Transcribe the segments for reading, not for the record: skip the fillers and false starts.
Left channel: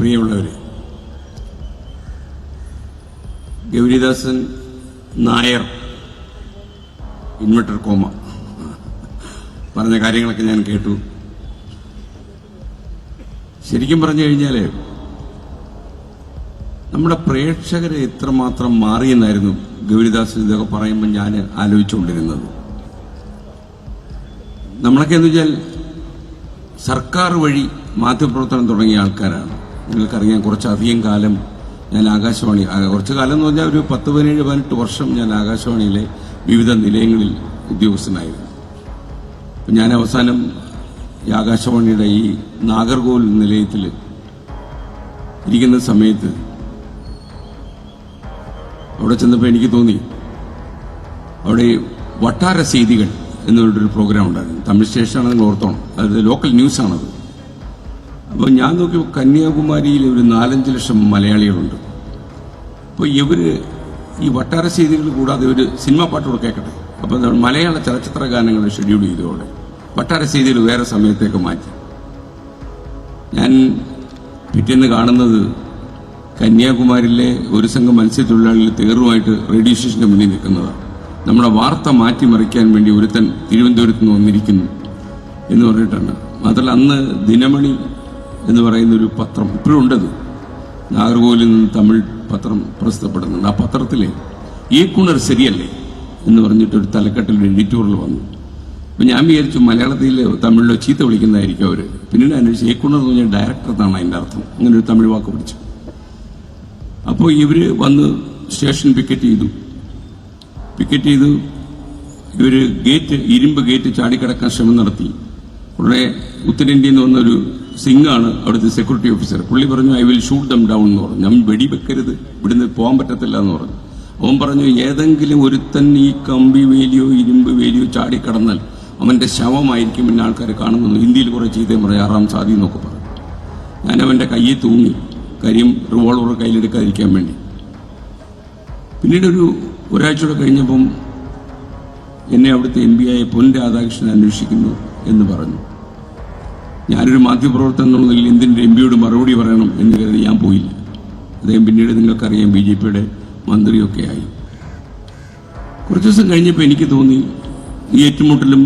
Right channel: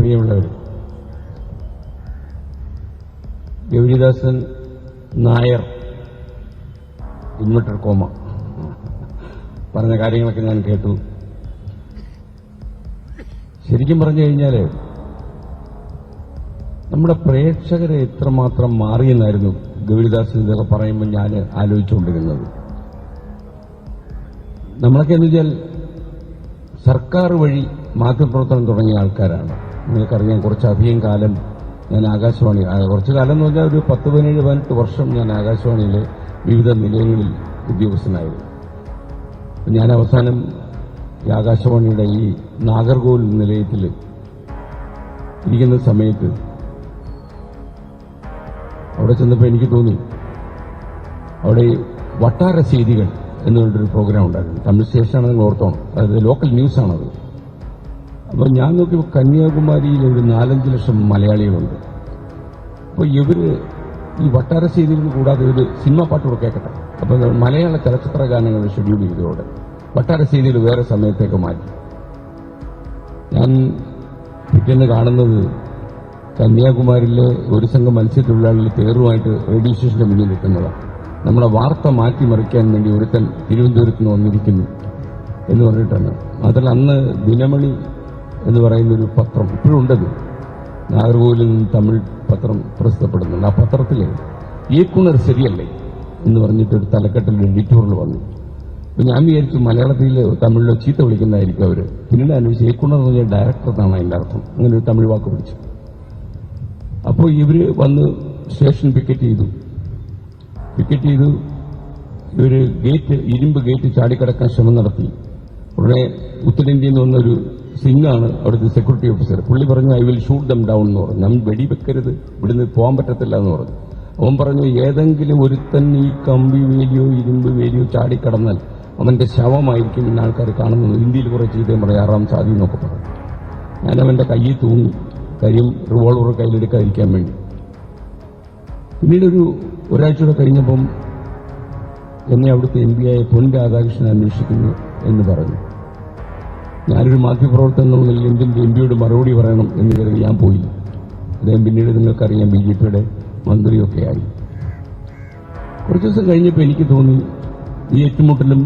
പ്രിയമുള്ളവർ, Gouridasan Nair inverter comma പറഞ്ഞ കാര്യങ്ങളൊക്കെ ഞാൻ കേട്ടു. ശരിക്കും പറഞ്ഞു കഴിഞ്ഞാൽ നമ്മുടെ പ്രേക്ഷകരെ എത്രമാത്രം മാറിയെന്നായിരുന്നു ഗൗരിദാസൻ ഇതൊക്കെ പറയുമ്പോൾ ഞാൻ ആലോചിച്ചുകൊണ്ടിരുന്നത്. നമ്മളൊക്കെ എന്ന് വെച്ചാൽ സർക്കാർ വഴി മാധ്യമപ്രവർത്തനം തുടങ്ങിയ ആൾക്കാരാണ്. നിങ്ങൾക്കറിയാം, കുറച്ചധികം കാലം ഞാൻ ആകാശവാണി, കുറച്ച് കാലം എന്ന് പറഞ്ഞാൽ ഒരു 17-18 വർഷം ഞാൻ ആകാശവാണിയിലെ വിവിധ നിലയങ്ങളിൽ ഉദ്യോഗസ്ഥനായിരുന്നു. ഞാൻ അവസാനം ഈ ആകാശവാണിയുടെ ഈ നാഗർകോവിൽ നിലയത്തിൽ ഇരിക്കുന്ന സമയത്ത് അവിടെ ചെന്നപ്പോൾ എനിക്ക് തോന്നി, അവിടെ വട്ടാര ചെയ്തികൾ എന്നുള്ളൊരു പ്രോഗ്രാം ഉണ്ടായിരുന്നു. തമിഴ് സ്റ്റേഷനാണ്, നിങ്ങൾ ഓർത്തോണം, അത് ലോക്കൽ ന്യൂസാണത്. അപ്പോൾ ഞാൻ നോക്കി, കന്യാകുമാരിയിൽ ഒരു 4-5 ലക്ഷം മലയാളികളുണ്ട്. അപ്പോൾ ഇവർ ഈ വട്ടാര ചെയ്തികൾ കൂടാതെ ഒരു സിനിമാ പാട്ടുകൾ കേൾക്കട്ടെ. അപ്പോൾ മലയാള ചലച്ചിത്ര ഗാനങ്ങൾ ഷെഡ്യൂൾ ചെയ്തോടെ വട്ടാര ചെയ്തികൾ വേറെ സമയത്തേക്ക് മാറ്റി. ഞാൻ പിറ്റേന്ന് കാണുന്നത് കന്യാകുമാരിയിലെ ഒരു സംഘം മത്സ്യത്തൊഴിലാളികൾ തേറുമായിട്ട് റേഡിയോ സ്റ്റേഷൻ്റെ മുന്നിൽ നിൽക്കുന്നതാണ്. നമ്മുടെ വാർത്ത മാറ്റിമറിക്കാൻ വേണ്ടി ഒരുത്തൻ തിരുവനന്തപുരത്ത് നിന്ന് വന്നിരിക്കുന്നു എന്ന് പറഞ്ഞിട്ടാണ്. മാത്രമല്ല, അന്ന് ദിനമണി എന്ന് പറയുന്നൊരു പത്രം ഇപ്പോഴും ഉണ്ടത്, നാഗർകോവിലിൽ നിന്ന് തമിഴ് പത്രം പ്രസിദ്ധപ്പെടുന്നുണ്ട്. ആ പത്രത്തിൽ ഈക്കുണർ ശരിയല്ലേ എന്ന് പറഞ്ഞിട്ടൊരു തലക്കെട്ടിൽ എഡിറ്റോറിയൽ വന്നു. അപ്പോൾ ഞാൻ വിചാരിച്ചു മലയാളത്തിലോ തമിഴിലോ ചീത്ത വിളിക്കുന്നതായിരിക്കും അവർ. പിന്നീട് അന്വേഷിച്ച് ഈക്കുണർ എന്ന് പറഞ്ഞാൽ ഡയറക്ടർ എന്നാണ് അതിൻ്റെ അർത്ഥം. അങ്ങനെ ഒരു തമിഴ് വാക്ക് പിടിച്ചു. അപ്പോൾ ഇവർ വന്ന് സ്റ്റേഷൻ പിക്കറ്റ് ചെയ്തു. ഇവർ ഇരുമ്പ് ഗേറ്റ് ചാടിക്കടക്കാൻ ശ്രമം നടത്തി. ഉടനെ ഉത്തരേന്ത്യയിൽ നിന്ന് വന്നൊരു സിംഗാണ് അവിടുത്തെ സെക്യൂരിറ്റി ഓഫീസർ. പുള്ളി പറഞ്ഞു, I will shoot them down എന്ന് പറഞ്ഞു. ഞാൻ വെടിവെക്കരുത്, ഇവിടുന്ന് പോകാൻ പറ്റത്തില്ല എന്ന് പറഞ്ഞു. അവൻ പറഞ്ഞു, ഏതെങ്കിലും ഒരുത്തൻ ഈ കമ്പി വേലിയോ ഇരുമ്പ് വേലിയോ ചാടിക്കടന്നാൽ അവൻ്റെ ശവമായിരിക്കും പിന്നെ ആൾക്കാർ കാണുന്നത്. ഹിന്ദിയിൽ കുറേ ചെയ്തേം പറയും, 6-ാം സാധി എന്നൊക്കെ പറഞ്ഞു. ഞാൻ അവൻ്റെ കയ്യിൽ തൂങ്ങി, കാര്യം റിവോൾവർ കയ്യിലെടുക്കാതിരിക്കാൻ വേണ്ടി. പിന്നീട് ഒരാഴ്ചയോടെ കഴിഞ്ഞപ്പം എന്നെ അവിടുത്തെ MP ആയ പൊൻ രാധാകൃഷ്ണൻ അന്വേഷിക്കുന്നു എന്ന് പറഞ്ഞു. ഞാനൊരു മാധ്യമപ്രവർത്തനം എന്നുള്ള നിലയിൽ എന്തിൻ്റെ MP യോട് മറുപടി പറയണം എന്ന് കരുതി ഞാൻ പോയില്ല. അദ്ദേഹം പിന്നീട് നിങ്ങൾക്കറിയാം BJPയുടെ മന്ത്രിയൊക്കെ ആയി. കുറച്ച് ദിവസം കഴിഞ്ഞപ്പോൾ എനിക്ക് തോന്നി, ഈ ഏറ്റുമുട്ടലും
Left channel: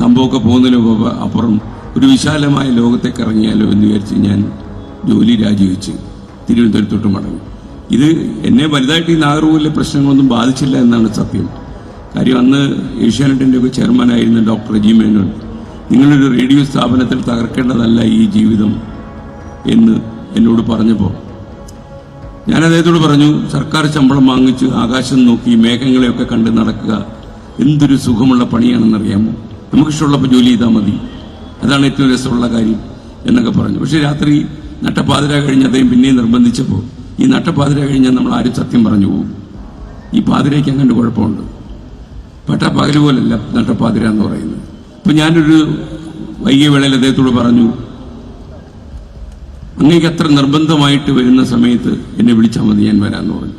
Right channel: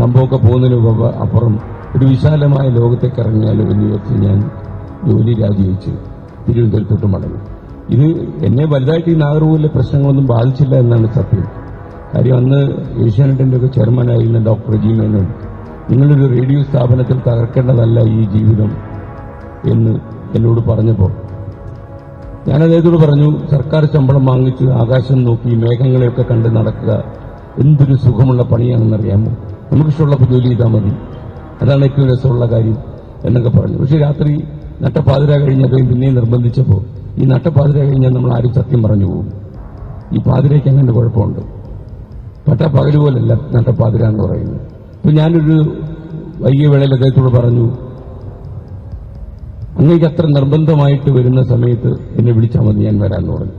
സംഭവമൊക്കെ പോകുന്നതിന് അപ്പുറം ഒരു വിശാലമായ ലോകത്തേക്ക് ഇറങ്ങിയാലോ എന്ന് വിചാരിച്ച് ഞാൻ ജോലി രാജിവെച്ച് തിരുവനന്തപുരത്തോട്ട് മടങ്ങി. ഇത് എന്നെ വലുതായിട്ട് ഈ നാഗർകോവിലെ പ്രശ്നങ്ങളൊന്നും ബാധിച്ചില്ല എന്നാണ് സത്യം. കാര്യം അന്ന് ഏഷ്യാനെറ്റിൻ്റെ ഒക്കെ ചെയർമാനായിരുന്ന ഡോക്ടർ ജി മേനോൻ, നിങ്ങളൊരു റേഡിയോ സ്ഥാപനത്തിൽ തകർക്കേണ്ടതല്ല ഈ ജീവിതം എന്ന് എന്നോട് പറഞ്ഞപ്പോൾ ഞാൻ അദ്ദേഹത്തോട് പറഞ്ഞു, സർക്കാർ ശമ്പളം വാങ്ങിച്ച് ആകാശം നോക്കി മേഘങ്ങളെയൊക്കെ കണ്ട് നടക്കുക എന്തൊരു സുഖമുള്ള പണിയാണെന്നറിയാമോ, നമുക്കിഷ്ടമുള്ളപ്പോൾ ജോലി ചെയ്താൽ മതി, അതാണ് ഏറ്റവും രസമുള്ള കാര്യം എന്നൊക്കെ പറഞ്ഞു. പക്ഷെ രാത്രി നട്ടപ്പാതിര കഴിഞ്ഞ് അദ്ദേഹം പിന്നെയും നിർബന്ധിച്ചപ്പോൾ, ഈ നട്ടപ്പാതിര കഴിഞ്ഞാൽ നമ്മൾ ആരും സത്യം പറഞ്ഞു പോകും. ഈ പാതിരയ്ക്ക് അങ്ങനെ കുഴപ്പമുണ്ട്, പട്ടാപ്പകല് പോലല്ല നട്ടപ്പാതിര എന്ന് പറയുന്നത്. അപ്പോൾ ഞാനൊരു വൈകിയ വേളയിൽ അദ്ദേഹത്തോട് പറഞ്ഞു, അങ്ങേക്ക് അത്ര നിർബന്ധമായിട്ട് വരുന്ന സമയത്ത് എന്നെ വിളിച്ചാൽ മതി, ഞാൻ വരാമെന്ന് പറഞ്ഞു.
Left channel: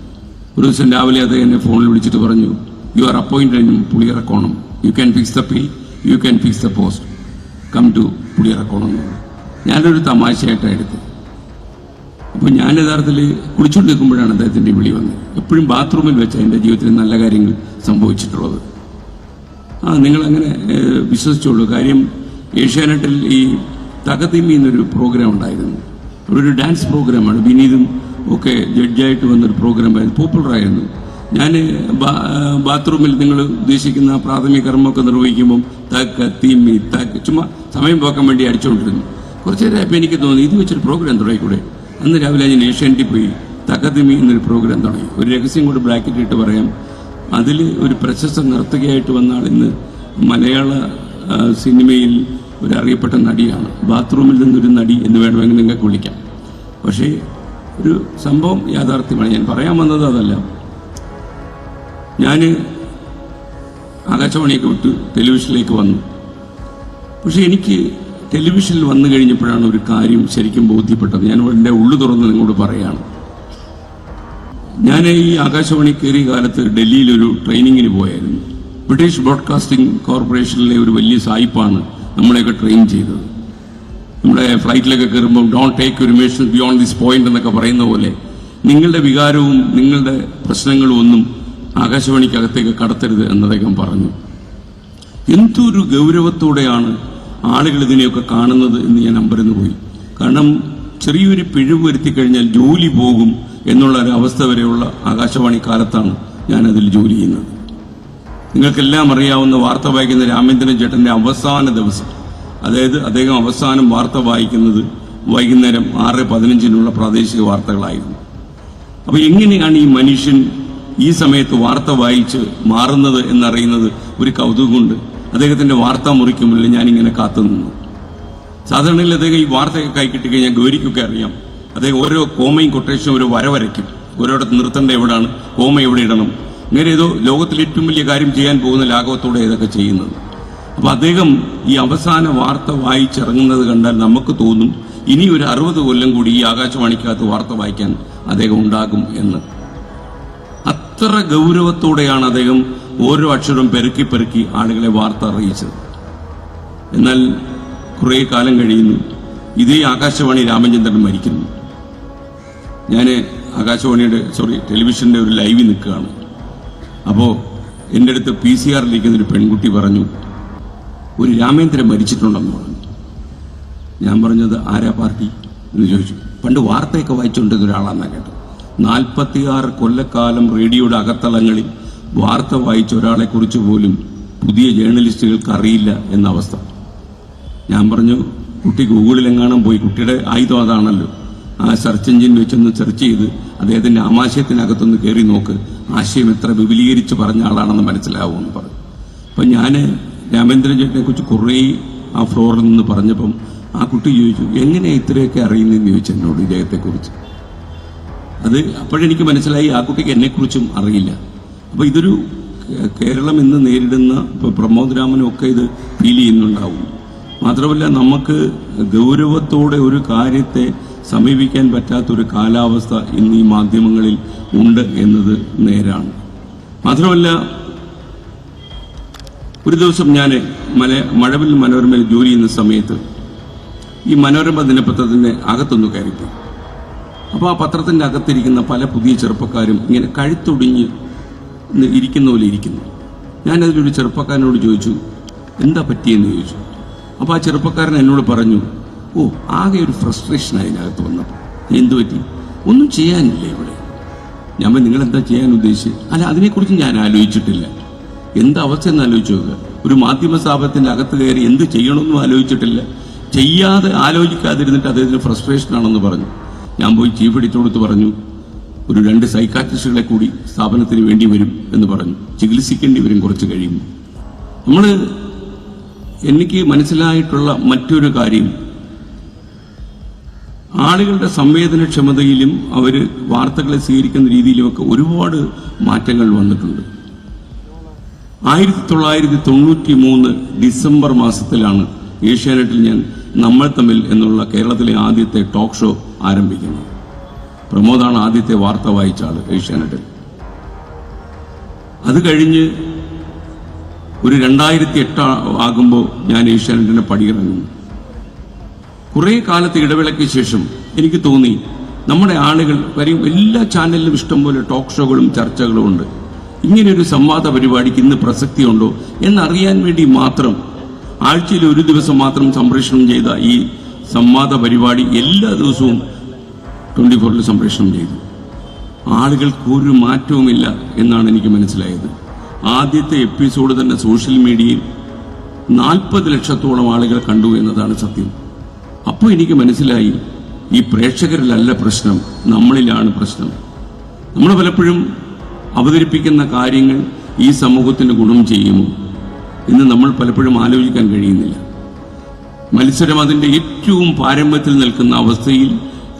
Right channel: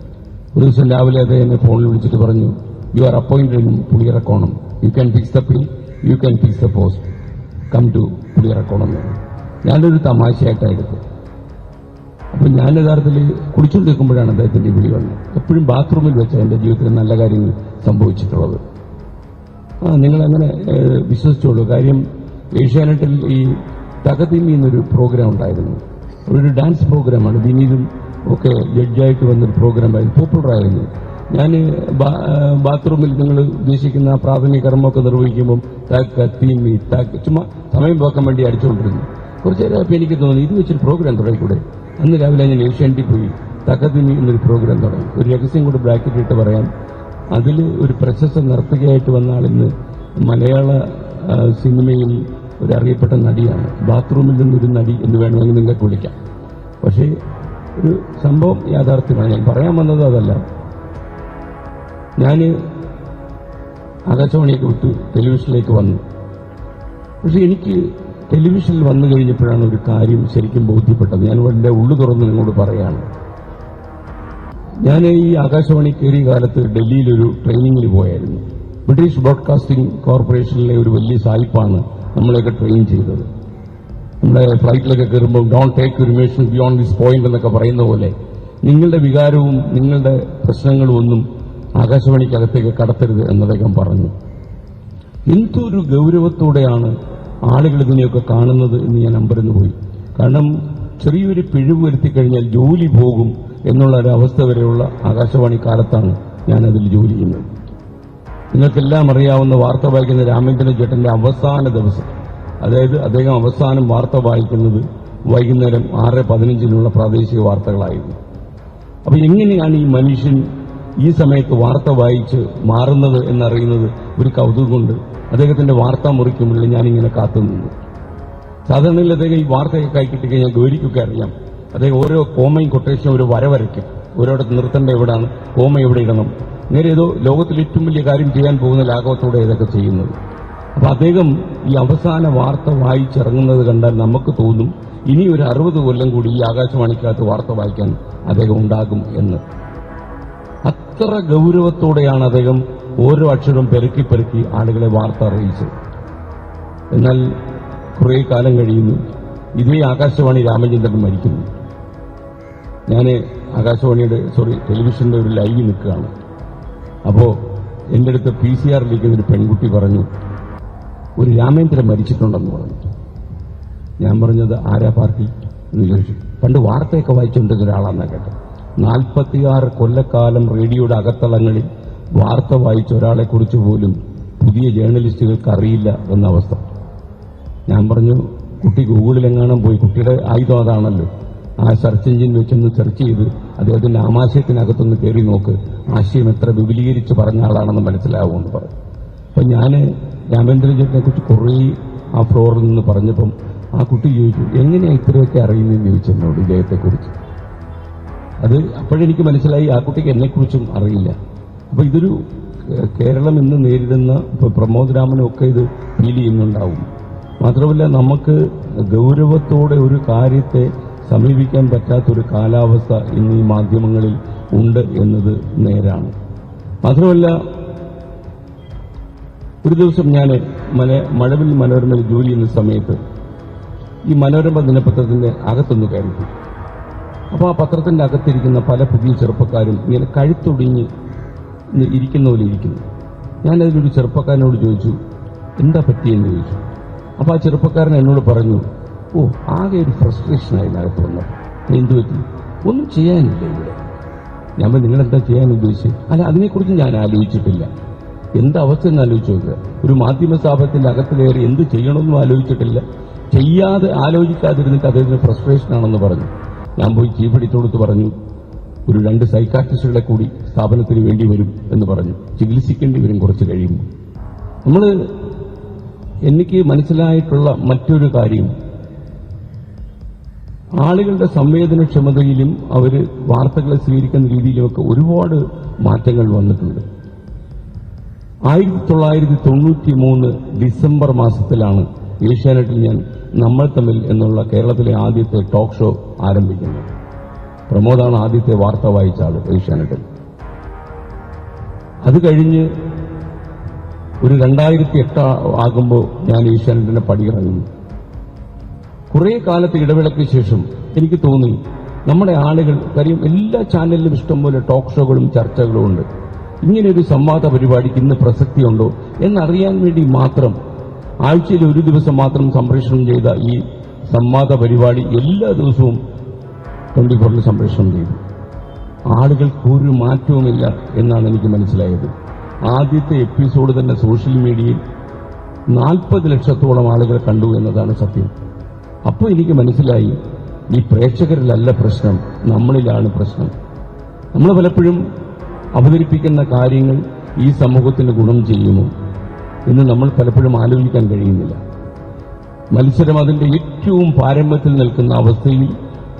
ഒരു ദിവസം രാവിലെ അദ്ദേഹം എന്നെ ഫോണിൽ വിളിച്ചിട്ട് പറഞ്ഞു, you are appointed in Puliyarakkonam, you can fix the pay, you can fix the post, come to Puliyarakkonam. ഞാനൊരു തമാശയായിട്ടാണ് എടുത്തത്. അപ്പോൾ ഞാൻ യഥാർത്ഥത്തിൽ കുളിച്ചുകൊണ്ട് നിൽക്കുമ്പോഴാണ് അദ്ദേഹത്തിൻ്റെ വിളി വന്നത്. എപ്പോഴും ബാത്റൂമിൽ വെച്ച് എൻ്റെ ജീവിതത്തിൽ നല്ല കാര്യങ്ങൾ സംഭവിച്ചിട്ടുള്ളത്. നിങ്ങളങ്ങനെ വിശ്വസിച്ചോളൂ. കാര്യം ഏഷ്യാനെറ്റിൽ ഈ തകതിമി എന്നൊരു പ്രോഗ്രാം ഉണ്ടായിരുന്നു. ഒരു ഡാൻസ് പ്രോഗ്രാമാണ്. വിനീതും ഒക്കെ ജഡ്ജായിട്ട് വന്നൊരു പ്രോഗ്രാമായിരുന്നു, പോപ്പുലറായിരുന്നു. ഞാൻ ബാത്റൂമിൽ നിങ്ങൾ ഉദ്ദേശിക്കുന്ന പ്രാഥമിക കർമ്മമൊക്കെ നിർവഹിക്കുമ്പം തകതിമി ചുമ്മാ സമയം പോക്കാൻ വേണ്ടി അടിച്ചുകൊണ്ടിരുന്നു. കുറച്ച് നേരമായപ്പോൾ എനിക്ക് തോന്നി, ഇത് വെച്ചൊരു പ്രോഗ്രാം തുടങ്ങിക്കൂടെ. അന്ന് രാവിലെ ഞാൻ ഏഷ്യാനെറ്റിൽ പോയി തകതിമി എന്നൊരു പ്രോഗ്രാം തുടങ്ങി. ഒരു രഹസ്യം കൂടെ ബ്രാക്കറ്റ് ഇട്ട് പറയാം, അതിൽ ഒരു പ്രശസ്ത നർത്തകിയായിട്ട് വന്ന ആൾ ഇന്ന് മലയാള സിനിമയിൽ ഒരു അറിയപ്പെട്ട നടിയാണ്. ബാത്റൂമിൽ നിന്നൊരു നടി എന്ന് വേണമെങ്കിൽ നിങ്ങൾക്ക് വിളിക്കാം. പക്ഷേ ഒരു സംഭവം യാഥാർത്ഥ്യമാണ്. ഞാൻ പറയാൻ വന്നത് അതല്ല. ഞാൻ ആകാശവാണിയൊക്കെ വിട്ട് ടെലിവിഷനിലേക്ക് വന്നു. പക്ഷെ എനിക്ക് ടെലിവിഷനിൽ വന്നു കഴിഞ്ഞപ്പോഴാണ് ഒരു കാര്യം ശരിക്കും ബോധ്യപ്പെട്ടത്. ഞാൻ എൻ്റെ ഉള്ളു തുറന്ന് നിങ്ങളോട് പറയുകയാണ്. ഞാൻ ഈ ആകാശവാണി കയറിയ കാലത്ത് ഡൽഹിയിലൊരു ട്രെയിനിങ്ങിന് പോയായിരുന്നു. ബ്രിട്ടീഷ് ബ്രോഡ്കാസ്റ്റിംഗ് കോർപ്പറേഷനിലെ ഒരു വലിയ സായിപ്പാണ് നമ്മളെയൊക്കെ ട്രെയിൻ ചെയ്തത്. നമ്മുടെ ഫ്ലൈറ്റിലൊക്കെ കയറുമ്പോൾ don't take your emotion beyond this point എന്നൊക്കെ പറയുന്ന പോലെ നിങ്ങളുടെ വികാരവും നിങ്ങളുടെ പ്രശ്നങ്ങളും ഒന്നും ആകാശവാണിക്കകത്തേക്ക് കടത്തരുത് എന്ന് അദ്ദേഹം പറഞ്ഞു. എന്തൊരു ഗൗരവത്തോടെയാണ് ആളുകൾ ഇതിനെയൊക്കെ കാണുന്നത് എന്ന് ഞാൻ അമ്പരന്ന് പോയി. കാരണം ചെറിയൊരു പിഴവ് വരുത്തി കഴിഞ്ഞാൽ ജോലി പോകും എന്നുള്ള ഒരു അവസ്ഥ വരെയുള്ള ആകാശവാണി കാലത്താണ് ഞാനതിൽ ജോലി ചെയ്യുന്നത്. നിങ്ങൾക്കെല്ലാം അറിയാവുന്ന വാർത്ത വായിക്കുന്ന രാമേന്ദ്രൻ ചേട്ടൻ്റെ അവസാന ദിവസം, അതായത് അദ്ദേഹം അവസാനം വാർത്ത വായിക്കുന്നത് വൈകുന്നേരം 6:15 പ്രാദേശിക വാർത്തകളായിരുന്നു. അപ്പോൾ എങ്ങനെയാണ് ഈ മനുഷ്യൻ ഈ സമയത്ത് വാർത്ത വായിച്ച് മാറുന്നത് എന്നറിയുന്നത് ഒരു കൗതുകം കൊണ്ട് അദ്ദേഹത്തിൻ്റെ വാർത്താ മുറിക്ക് മുന്നിൽ ഞാനിങ്ങനെ കാത്തുനിന്നു. സാധാരണയിൽ അദ്ദേഹം ഈ വാർത്തയൊക്കെ കൈ കിട്ടിക്കഴിഞ്ഞാൽ ഗൗരിക്കൊക്കെ അറിയാം, അദ്ദേഹം ഓരോ കോമയും കൊട്ടേഷനും ഒരു വര വരയ്ക്കും. ഓരോടത്ത് നിർത്തേണ്ട എവിടെയാണ്, കോമ എവിടെ ഇടണം, ഇങ്ങനെ ഏതോ ലോകത്തിൽ ഏറ്റവും വലിയ കാര്യം ചെയ്യാൻ പോകുന്ന ലാഘവത്തോടെ ഇതൊക്കെ ചെയ്യുന്നത്. അപ്പോൾ അദ്ദേഹം ഈ അവസാന വാർത്ത വായിച്ചിറങ്ങുന്നത് കണ്ടാൽ നമുക്ക് തോന്നും ഇനി ഒരു 60 കൊല്ലം കൂടി ഈ ആകാശവാണിക്കകത്ത് വാർത്ത വായിക്കാൻ അദ്ദേഹം ഉണ്ടാകും എന്ന്. അത്ര ഗൗരവത്തോടെയാണ് അദ്ദേഹം ഓരോ അക്ഷരം പെരുക്കി പെരുക്കി ആളുകളെ വാർത്ത അറിയിച്ചത്. എന്നാൽ കുറേ കാലം കഴിയുന്നു, ഇതേ ആകാശവാണി രാമചന്ദ്രൻ മരിക്കുന്നു. ഞാൻ ആകാശവാണിയുടെ ടെലിവിഷൻ്റെ ഒരു ലൈവിൽ നിൽക്കുകയാണ്. അപ്പോൾ എൻ്റെ അടുത്ത് PCR-ലിരിക്കുന്നൊരു പെൺകുട്ടി പറഞ്ഞു, ഒരു രാമേന്ദ്രൻ മരിച്ചിട്ടുണ്ടെന്ന് പറഞ്ഞു. ഞാൻ പറഞ്ഞത് ആരാ പാർട്ടി എന്ന് ചോദിച്ചു. പണ്ട് വാർത്തയൊക്കെ വായിച്ചുകൊണ്ടിരുന്ന ഒരാളാണെന്നാണ് കേട്ടത്. 46 കൊല്ലക്കാലം റേഡിയോയുടെ അകത്തളങ്ങളിൽ വാർത്ത വായിച്ച ഒരാളെക്കുറിച്ച് പോലും പുതിയ ജേർണലിസ്റ്റുകൾക്ക് അറിയില്ല എന്ന അവസ്ഥ. ഞാൻ പറഞ്ഞു, കുട്ടി ഗൂഗിളിലെങ്ങാനും പോയി, കുട്ടിയുടെ ആയുധം അതാണല്ലോ, ആ സെർച്ച് എഞ്ചിൻ വെച്ചൊന്ന് സെർച്ച് ചെയ്ത് അദ്ദേഹത്തിൻ്റെ ആമാശയത്തിനകത്തൊന്ന് കയറി നോക്ക്, ആശയം എത്ര വിപുലീകരിച്ച് പറഞ്ഞ ആളാണെന്ന് മനസ്സിലാവുമെന്ന് പറഞ്ഞു. അപ്പം ഞാൻ രാമേന്ദ്രൻ ചേട്ടനെ കുറിച്ച് കുറേ ആ ഫ്ലോറിൽ നിന്ന് പറഞ്ഞപ്പം ആ കുട്ടി ചോദിച്ചു, എങ്ങനെയാണ് ഇത്രയൊക്കെ അറിയുന്നതെന്ന് ചോദിച്ചെന്നോട് ഇദ്ദേഹത്തെക്കുറിച്ച്. അത് അപ്പോഴെനിക്ക് മനസ്സിലായി ആ കുട്ടിക്ക് എന്നെക്കുറിച്ചും അറിയില്ല. അപ്പോൾ ഇതൊരു കേരളം ഇന്ന് നേരിടുന്ന, ഇപ്പോൾ പ്രമോദ് രാമനും ഒക്കെ ഇത് ഫീൽ ചെയ്യുന്നുണ്ടാവും. മാത്രമല്ല, നമുക്ക് ഗൗരവത്തോടെ ഒരു കാര്യത്തെ സമീപിക്കാൻ പറ്റാത്തൊരു കാലാവസ്ഥ ഇന്ന് ഈ മാധ്യമങ്ങളിൽ ഉണ്ട് എന്നത് നേരാണ്. മാത്രമല്ല, ഒരു ദിവസം ഞാൻ മഴവിൽ മനോരമയിൽ ജോലി ചെയ്യുന്ന സമയത്ത് ഈ മനോരമ ദിനപത്രത്തിൻ്റെ അകത്തൊന്ന് കയറിപ്പോയി. അപ്പോൾ ആ പത്രത്തിൻ്റെ അകത്തിരിക്കുന്ന പല പുതിയ ചെറുപ്പക്കാരും ഇങ്ങനെ കഴുത്തൊടിഞ്ഞ് ഇരിക്കുന്ന പോലെ ഇരിക്കുന്നു. ഞാനതിലൊരു ചെറുപ്പക്കാരനോട് ചോദിച്ചു, എന്താ പറ്റിയെന്ന് ചോദിച്ചു. അപ്പോൾ ആ ചെറുപ്പക്കാരൻ എന്നോട് പറഞ്ഞു, ആകെ ഒരു ഫ്രസ്ട്രേഷൻ അതിനകത്ത് വന്നപ്പോൾ. എന്തു പറ്റി? ഒന്നും ചെയ്യാനില്ല ഇവിടെ. ഞാൻ നിങ്ങളെന്താ ചെയ്യാൻ ഉദ്ദേശിച്ചത്? അല്ല, അതിനെക്കുറിച്ച് ഞാൻ ആലോചിച്ചിട്ടില്ല. എന്താ അവസ്ഥ എന്ന് ആലോചിച്ച് നോക്കുക. ഒരു മാധ്യമ സ്ഥാപനത്തിൻ്റെ അകത്ത് കയറി എന്ത് ചെയ്യണമെന്നും ആലോചിച്ചിട്ടില്ല, ചെയ്യാതെ ആലോചിക്കാതിരുന്നിട്ട് അദ്ദേഹത്തിന് ഫ്രസ്ട്രേഷൻ ആണെന്ന് പറഞ്ഞു. ഞാൻ പോയി ചീഫ് എഡിറ്ററോട് പറഞ്ഞു, ഒരു 2 സൈക്കാട്രിസ്റ്റുകളെ കൂടി സ്ഥാപനത്തിന് വേണ്ടി വരും എന്ന് പറഞ്ഞു. ചികിത്സിക്കേണ്ടി വരും കുറച്ച് കഴിയും. എനിക്ക് മനസ്സിലായിട്ടുള്ള മറ്റൊരു കാര്യം, ആളുകളുടെ സംവേദനക്ഷമതയിലും അവർ വാർത്തകളെ സ്വീകരിക്കുന്ന രീതിയിലുമൊക്കെ ഒരുപാട് മാറ്റങ്ങൾ വന്നിട്ടുണ്ട്. 1993 ഡിസംബർ മാസത്തിലാണ് ഏഷ്യാനെറ്റിൽ ഞാൻ നമ്മൾ തമ്മിൽ എന്നുള്ള കേരളത്തിലെ ആദ്യത്തെ ടോക്ക് ഷോ ആരംഭിക്കുന്നത്. പ്രമോദാണ് ആദ്യത്തെ വാർത്ത വായിച്ച ആൾ ഏഷ്യാനെറ്റിൽ. അത് കഴിഞ്ഞ് ഒരു 2008 ആകുമ്പോൾ ഞാൻ ഏഷ്യാനെറ്റിനെ പടിയിറങ്ങുന്നു. കുറേ കാലത്തെ ഇടവേളയ്ക്ക് ശേഷം എനിക്ക് തോന്നി, നമ്മുടെ ആളുകൾ കാര്യം എല്ലാ ചാനലിലും ഇഷ്ടംപോലെ ടോക്ക് ഷോകളും ചർച്ചകളും ഉണ്ട്. ഇങ്ങനെയൊരു സംവാദ പരിപാടിക്ക് ഇന്ന് പ്രസക്തിയുണ്ടോ എന്നറിയാൻ വേണ്ടി മാത്രം ആഴ്ചയിൽ ഒരു ദിവസം മാത്രം സംപ്രേഷണം ചെയ്ത ഈ സംവാദ പരിപാടി എല്ലാ ദിവസവും 24-ൽ സംപ്രേഷണം ചെയ്തു. ആളുകൾക്ക് ഒരു മാറ്റവുമില്ല എന്നാണ് എനിക്ക് മനസ്സിലായത്. ആദ്യത്തെ എപ്പിസോഡ് തന്നെ സോഷ്യൽ മീഡിയയിൽ 40 ലക്ഷത്തോളം ആളുകൾ കണ്ടു എന്നതാണ് സത്യം. അപ്പോൾ എനിക്ക് മനസ്സിലായി, ഈ പ്രേക്ഷകരിലല്ല പ്രശ്നം, നമ്മളിലാണ് പ്രശ്നം. നമ്മൾ പലപ്പോഴും അവതരിപ്പിക്കുന്ന കാര്യങ്ങൾ ഈ സമൂഹത്തിന് ഗുണം ചെയ്യുമോ എന്ന് നമ്മൾ പലപ്പോഴും ആലോചിക്കാൻ കഴിയുന്നില്ല. മത്സരം അതിൻ്റെ ഏറ്റവും പാരമ്യത്തിൽ നിൽക്കുന്ന അവസ്ഥയിൽ